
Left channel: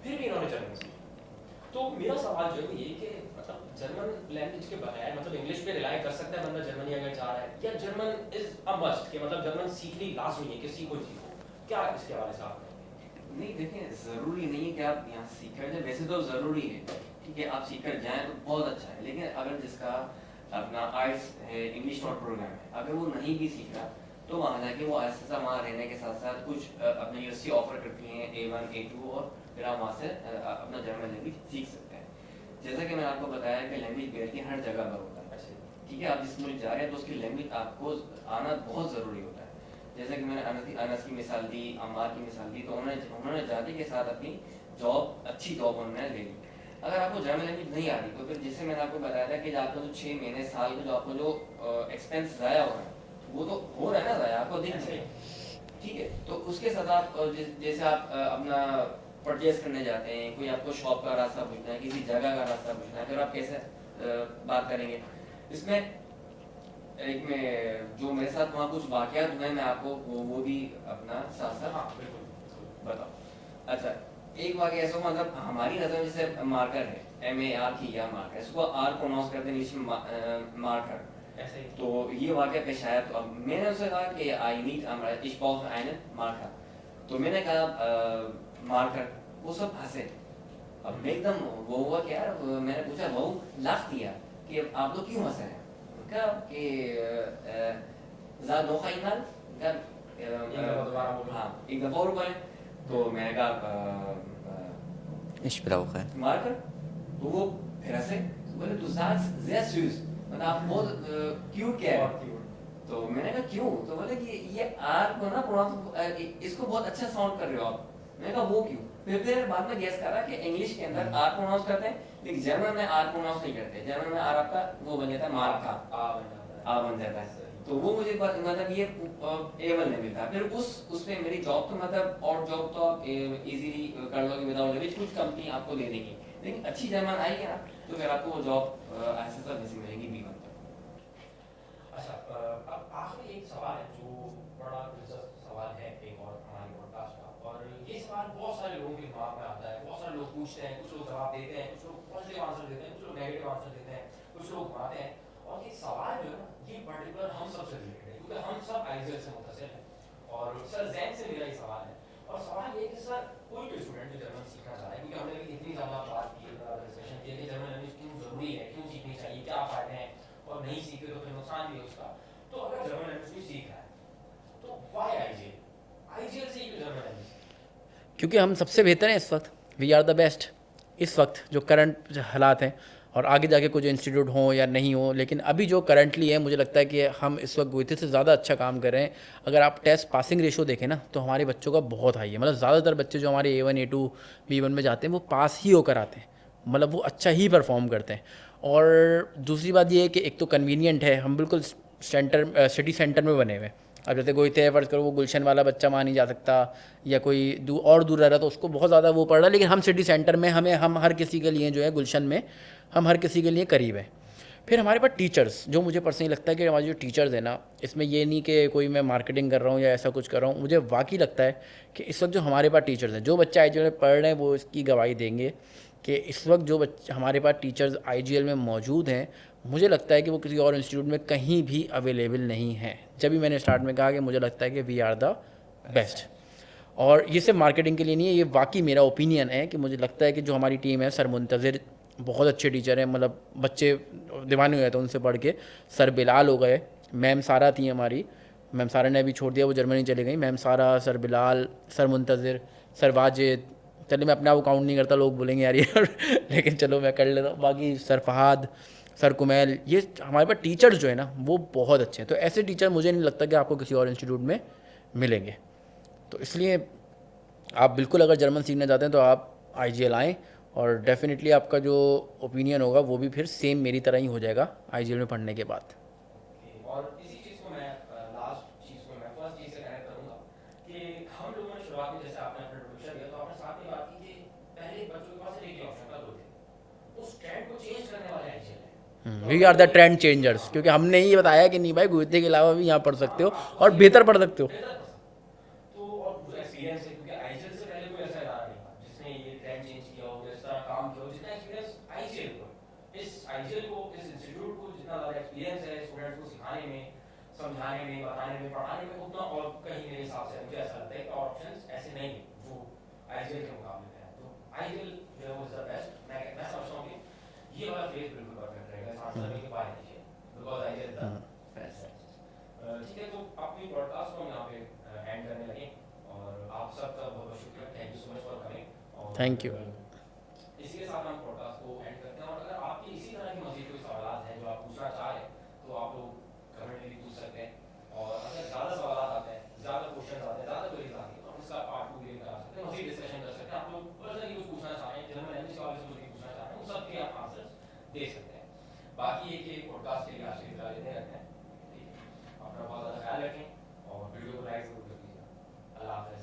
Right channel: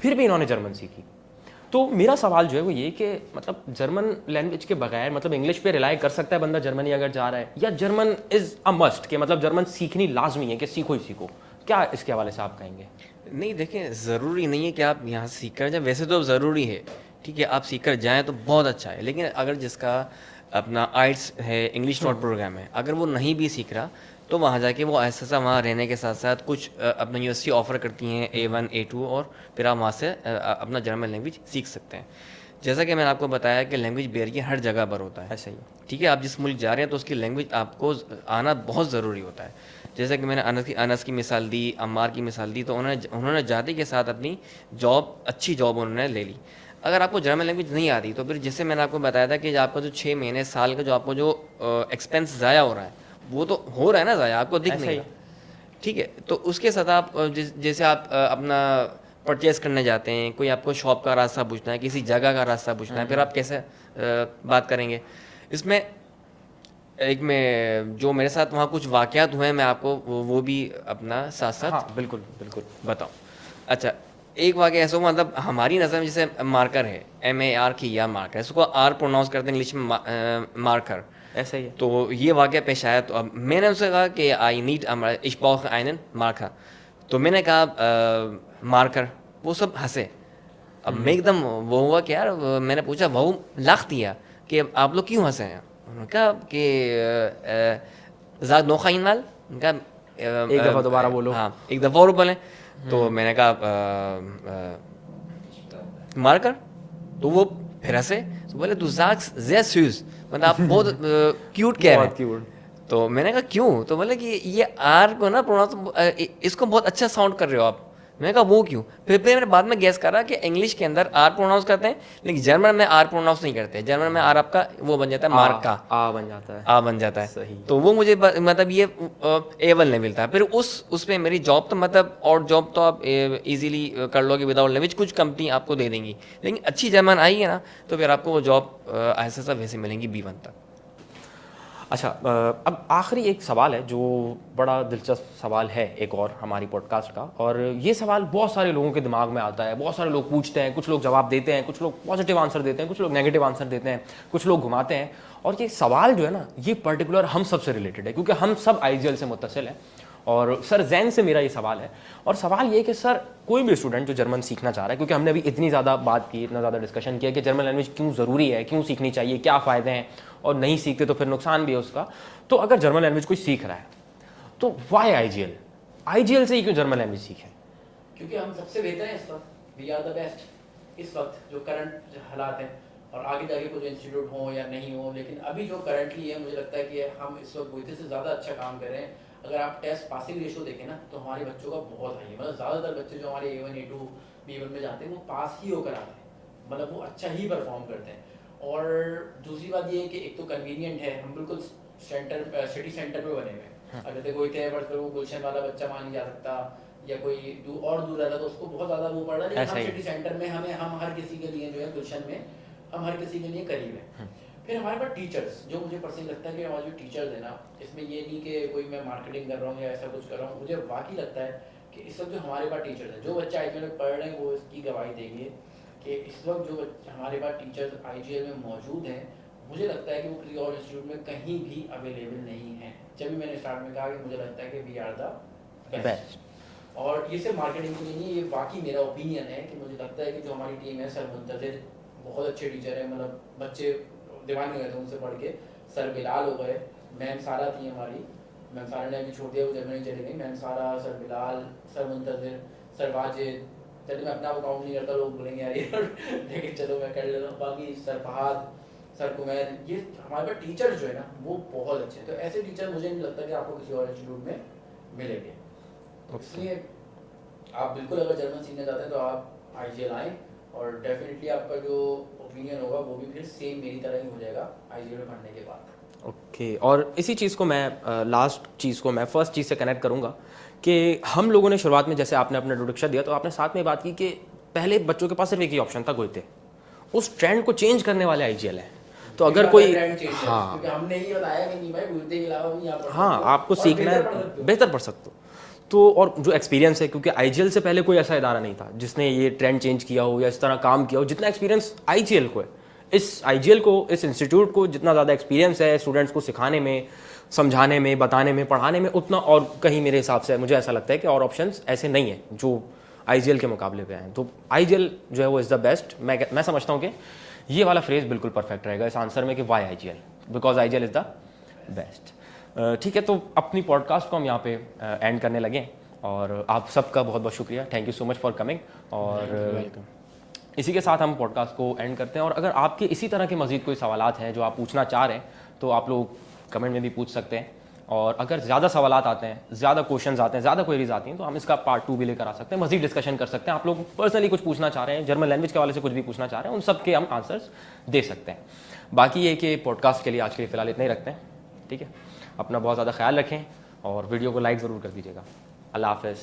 फिर भी इन्होंने जर्मन सीखी। तो मेरा सवाल जो है वो ये कि मतलब जर्मन लैंग्वेज के बगैर मतलब इंग्लिश पे रिलाई कर सकता है बंदा जर्मनी अगर जा रहा है, या जर्मन इज़ अ मस्ट कि मतलब जर्मन सीखनी लाजमी है कि सीखो ही सीखो? क्या इसके हवाले से आप कहेंगे? नहीं, देखिए, ज़रूरी नहीं है कि आप यहाँ सीख कर जाए, वैसे तो ज़रूरी है, ठीक है, आप सीख कर जाएँ तो बहुत अच्छा है। लेकिन अगर जिसका अपना आइट्स है, इंग्लिश नोट प्रोग्राम है, अगर वो नहीं भी सीख रहा तो वहाँ जाके वो ऐसा वहाँ रहने के साथ साथ कुछ अपना यूनिवर्सिटी ऑफ़र करती हैं A1 A2, और फिर आप वहाँ से अपना जर्मन लैंग्वेज सीख सकते हैं। जैसा कि मैंने आपको बताया कि लैंग्वेज बैरियर हर जगह पर होता है, ऐसे ही, ठीक है। आप जिस मुल्क जा रहे हैं तो उसकी लैंग्वेज आपको आना बहुत ज़रूरी होता है। जैसा कि मैंने अनस की मिसाल दी, अम्मार की मिसाल दी, तो उन्होंने जाते के साथ अपनी अच्छी जॉब उन्होंने ले ली। अगर आपको जर्मन लैंग्वेज नहीं आ रही तो फिर जैसे मैंने आपको बताया था कि आपका जो 6 महीने साल का जो आपको जो एक्सपेंस ज़ाया हो रहा है वो तो हो रहा है ना ज़ाया, आपको दिख नहीं रहा, ठीक है। तो उसके साथ आप जैसे आप अपना परचेस करने जाते हैं, कोई आपको शॉप का रास्ता पूछना है, किसी जगह का रास्ता पूछना है, फिर आप कैसे बात करेंगे? इसमें एक में जो मेरे साथ वहाँ कुछ वाक़यात हुए हैं, मैं आपको वो भी अपना साथ साथ हाँ बिल्कुल बिल्कुल बताऊँ। अच्छा, एक वाक़या ऐसा हुआ, मतलब हमारी नज़र में जैसे मार्कर है, MAR की या मार्कर, इसको R प्रोनाउंस करते हैं इंग्लिश में मार्कर, ऐसा ही है। तो ये वाक़या पेश आया। तो अब मैंने उनसे कहा कि I need ich brauche einen marker, तो मैंने कहा मार्कर, वो सब हंसे। अब मैं एकदम वो हुआ कि यार, मैंने पूछा, वो लाख दिया कि आप लोग क्यों हंसे हैं? उन्होंने कहा कि ज़ाद नोखा इनमाल, उनका एक दफ़ा दोबारा बोलो। हाँ, एक दफ़ा और बोलें। तो मैंने कहा मार्कर, तो वो फिर हंसे, तो बोले तू ज़ाद ज़्या स्यूज़, मतलब आप बहुत क्यूट कह रहे हैं। तो मैंने कहा क्यों? तो बोले कि ये आर को ना प्रोनाउंस, इसको बहुत अच्छा साउंड कर रहे हो आप। मैंने कहा वो क्यों? फिर मैंने बाद में गैस करा कि इंग्लिश के अंदर आर प्रोनाउंस करते हैं, लेकिन जर्मन में आर प्रोनाउंस नहीं करते। जर्मन में आर आपका वो बन जाता है मार्क का, आ बन जाता है, आ बन जाता है। सही। तो वो मुझे मतलब ये A1 लेवल था। फिर उसमें मेरी जॉब तो मतलब, और जॉब तो आप इजीली कर लोगे विदाउट लैंग्वेज, कुछ कंपनी आपको दे देंगी, लेकिन अच्छी जर्मन आई है ना तो फिर आपको वो जॉब ऐसा सब वैसे मिलेंगी B1 तक। अच्छा, अब आखिरी एक सवाल है जो बड़ा दिलचस्प सवाल है एक और हमारी पॉडकास्ट का, और ये सवाल बहुत सारे लोगों के दिमाग में आता है, बहुत सारे लोग पूछते हैं, कुछ लोग जवाब देते हैं, कुछ लोग पॉजिटिव आंसर देते हैं, कुछ लोग नेगेटिव आंसर देते हैं, कुछ लोग घुमाते हैं। और ये सवाल जो है ना, ये पर्टिकुलर हम सब से रिलेटेड है, क्योंकि हम सब IGL से मुत्तसिल हैं। और सर जैन से मेरा ये सवाल है, और सवाल ये कि सर कोई भी स्टूडेंट जो जर्मन सीखना चाह रहा है, क्योंकि हमने अभी इतनी ज़्यादा बात की, इतना ज़्यादा डिस्कशन किया कि जर्मन लैंग्वेज क्यों ज़रूरी है, क्यों सीखनी चाहिए, क्या फ़ायदे हैं, और नहीं सीखते तो फिर नुकसान भी है उसका। तो अगर जर्मन लैंग्वेज कोई सीख रहा है तो वाई IGL से ही क्यों जर्मन लैंग्वेज सीखें? क्योंकि हम सबसे बेहतर हैं इस वक्त, वी आर द बेस्ट इस वक्त जो करंट हालात हैं। और आगे जाके कुछ इंस्टीट्यूट हों या नहीं हो, लेकिन अभी जो करंटली है मुझे लगता है कि हम इस वक्त गुइथे से ज़्यादा अच्छा काम कर रहे हैं। अगर आप टेस्ट पासिंग रेशो देखें ना तो हमारे बच्चों का बहुत हाई है, मतलब ज़्यादातर बच्चे जो हमारे A1 A2 B1 में जाते हैं वो पास ही होकर आते हैं, मतलब वो अच्छा ही परफॉर्म करते हैं। और दूसरी बात ये है कि एक तो कन्वीनियंट है, हम बिल्कुल सेंटर सिटी सेंटर में बने हुए हैं। अब जैसे कोई तय फर्ज करो वो गुलशन वाला बच्चा वहाँ नहीं जा सकता, या कोई और दूर रह रहा तो उसको बहुत ज़्यादा वो पड़ रहा है, लेकिन हम सिटी सेंटर में हम हर किसी के लिए जो है गुलशन में हम हर किसी के लिए करीब है। फिर हमारे पास टीचर्स, जो मुझे पर्सनली लगता है कि हमारे जो टीचर्स हैं ना, इसमें ये नहीं कि कोई मैं मार्केटिंग कर रहा हूँ या ऐसा कुछ कर रहा हूँ, मुझे वाकई लगता है कि इस वक्त जो हमारे पास टीचर्स हैं, जो बच्चे IGL में पढ़ रहे हैं वो इसकी गवाही देंगे कि इस वक्त जो बच्चे हमारे पास टीचर्स IGL में मौजूद हैं, मुझे लगता है कि वो किसी और इंस्टीट्यूट में कहीं भी अवेलेबल नहीं है। जब भी मैंने स्टार्ट में कहा कि मुझे लगता है कि वी आर द बेस्ट, और ये सिर्फ मार्केटिंग के लिए नहीं है, ये वाकई मेरा ओपिनियन है कि मुझे लगता है कि जो हमारी टीम है, सर मुंतज़िर बहुत अच्छे टीचर हैं, मतलब बच्चे दीवाने हो गए थे उनसे पढ़ के। सर बिलाल हो गए, मैम सारा थी हमारी, मैम सारा ने अभी छोड़ दिया, वो जर्मनी चले गई। Ma'am Sara, sir Bilal, sir Muntazir, sir Wajid, चलिए मैं अपना वो काउंट नहीं करता, लोग बोलेंगे यार ये लेकिन चलो मैं कर लेता हूँ। बाकी सर फहाद, सर कुमैल, ये हमारे पास टीचर्स जो है ना वो बहुत अच्छे हैं। तो ऐसे टीचर मुझे नहीं लगता कि आपको किसी और इंस्टीट्यूट में मिलेंगे। तो इसलिए आप बिल्कुल अगर जर्मन सीखना चाहते हैं तो आप IGL आएँ, और डेफिनेटली आपका जो ओपिनियन होगा वो भी फिर सेम मेरी तरह ही हो जाएगा IGL में पढ़ने के बाद। ओके, और इसी चीज़ को मैं लास्ट चीज़ को मैं फर्स्ट चीज़ से कनेक्ट करूँगा कि हम लोगों ने शुरुआत में, जैसे आपने अपना इंट्रोडक्शन दिया तो आपने साथ में बात की कि पहले बच्चों के पास सिर्फ एक ही ऑप्शन था, गोइते। उस ट्रेंड को चेंज करने वाले IGL है। तो अगर कोई ट्रेंड चेंजर्स, क्योंकि हमने ये बताया कि नहीं भाई गोइते के अलावा भी यहाँ पढ़ सकते हो, आपको और बेहतर पढ़ सकते हो, बेहतर पढ़ सकते हो। तो और जो एक्सपीरियंस है, क्योंकि IGL से पहले कोई ऐसा इदारा नहीं था जिसने ये ट्रेंड चेंज किया हो या इस तरह काम किया हो जितना एक्सपीरियंस IGL को है। इस IGL को, इस इंस्टीट्यूट को जितना ज़्यादा एक्सपीरियंस है स्टूडेंट्स को सिखाने में, समझाने में, बताने में, पढ़ाने में, उतना और कहीं मेरे हिसाब से मुझे ऐसा लगता है कि और ऑप्शंस ऐसे नहीं है जो IGL के मुकाबले पे हैं। तो IGL जो है वो इज़ द बेस्ट। मैं समझता हूँ कि ये वाला फ्रेज बिल्कुल परफेक्ट रहेगा इस आंसर में कि why IGL, because IGL is the best. ठीक है, तो अपनी पॉडकास्ट को हम यहाँ पे एंड करने लगे, और आप सबका बहुत बहुत शुक्रिया, thank you so much for coming. और थैंक यू, वेलकम। इसी के साथ हम पॉडकास्ट को एंड करते हैं। और अगर आपके इसी तरह के मज़ीद कोई सवालात हैं जो आप पूछना चाह रहे हैं तो आप लोग कमेंट में भी पूछ सकते हैं, और अगर ज़्यादा सवालात आते हैं, ज़्यादा क्वेश्चंस आते हैं, ज़्यादा क्वेरीज आती हैं तो हम इसका पार्ट 2 भी लेकर आ सकते हैं, मज़ीद डिस्कशन कर सकते हैं। आप लोग पर्सनली कुछ पूछना चाह रहे हैं, जर्मन लैंग्वेज के हवाले से कुछ भी पूछना चाह रहे हैं, उन सब के हम आंसर्स दे सकते हैं। बाकी ये कि पॉडकास्ट के लिए आज के लिए फ़िलहाल इतना ही रखते हैं। ठीक है, अपना बहुत ज़्यादा ख्याल रखें और वीडियो को लाइक ज़रूर कर दीजिएगा। अल्लाह हाफ़िज़।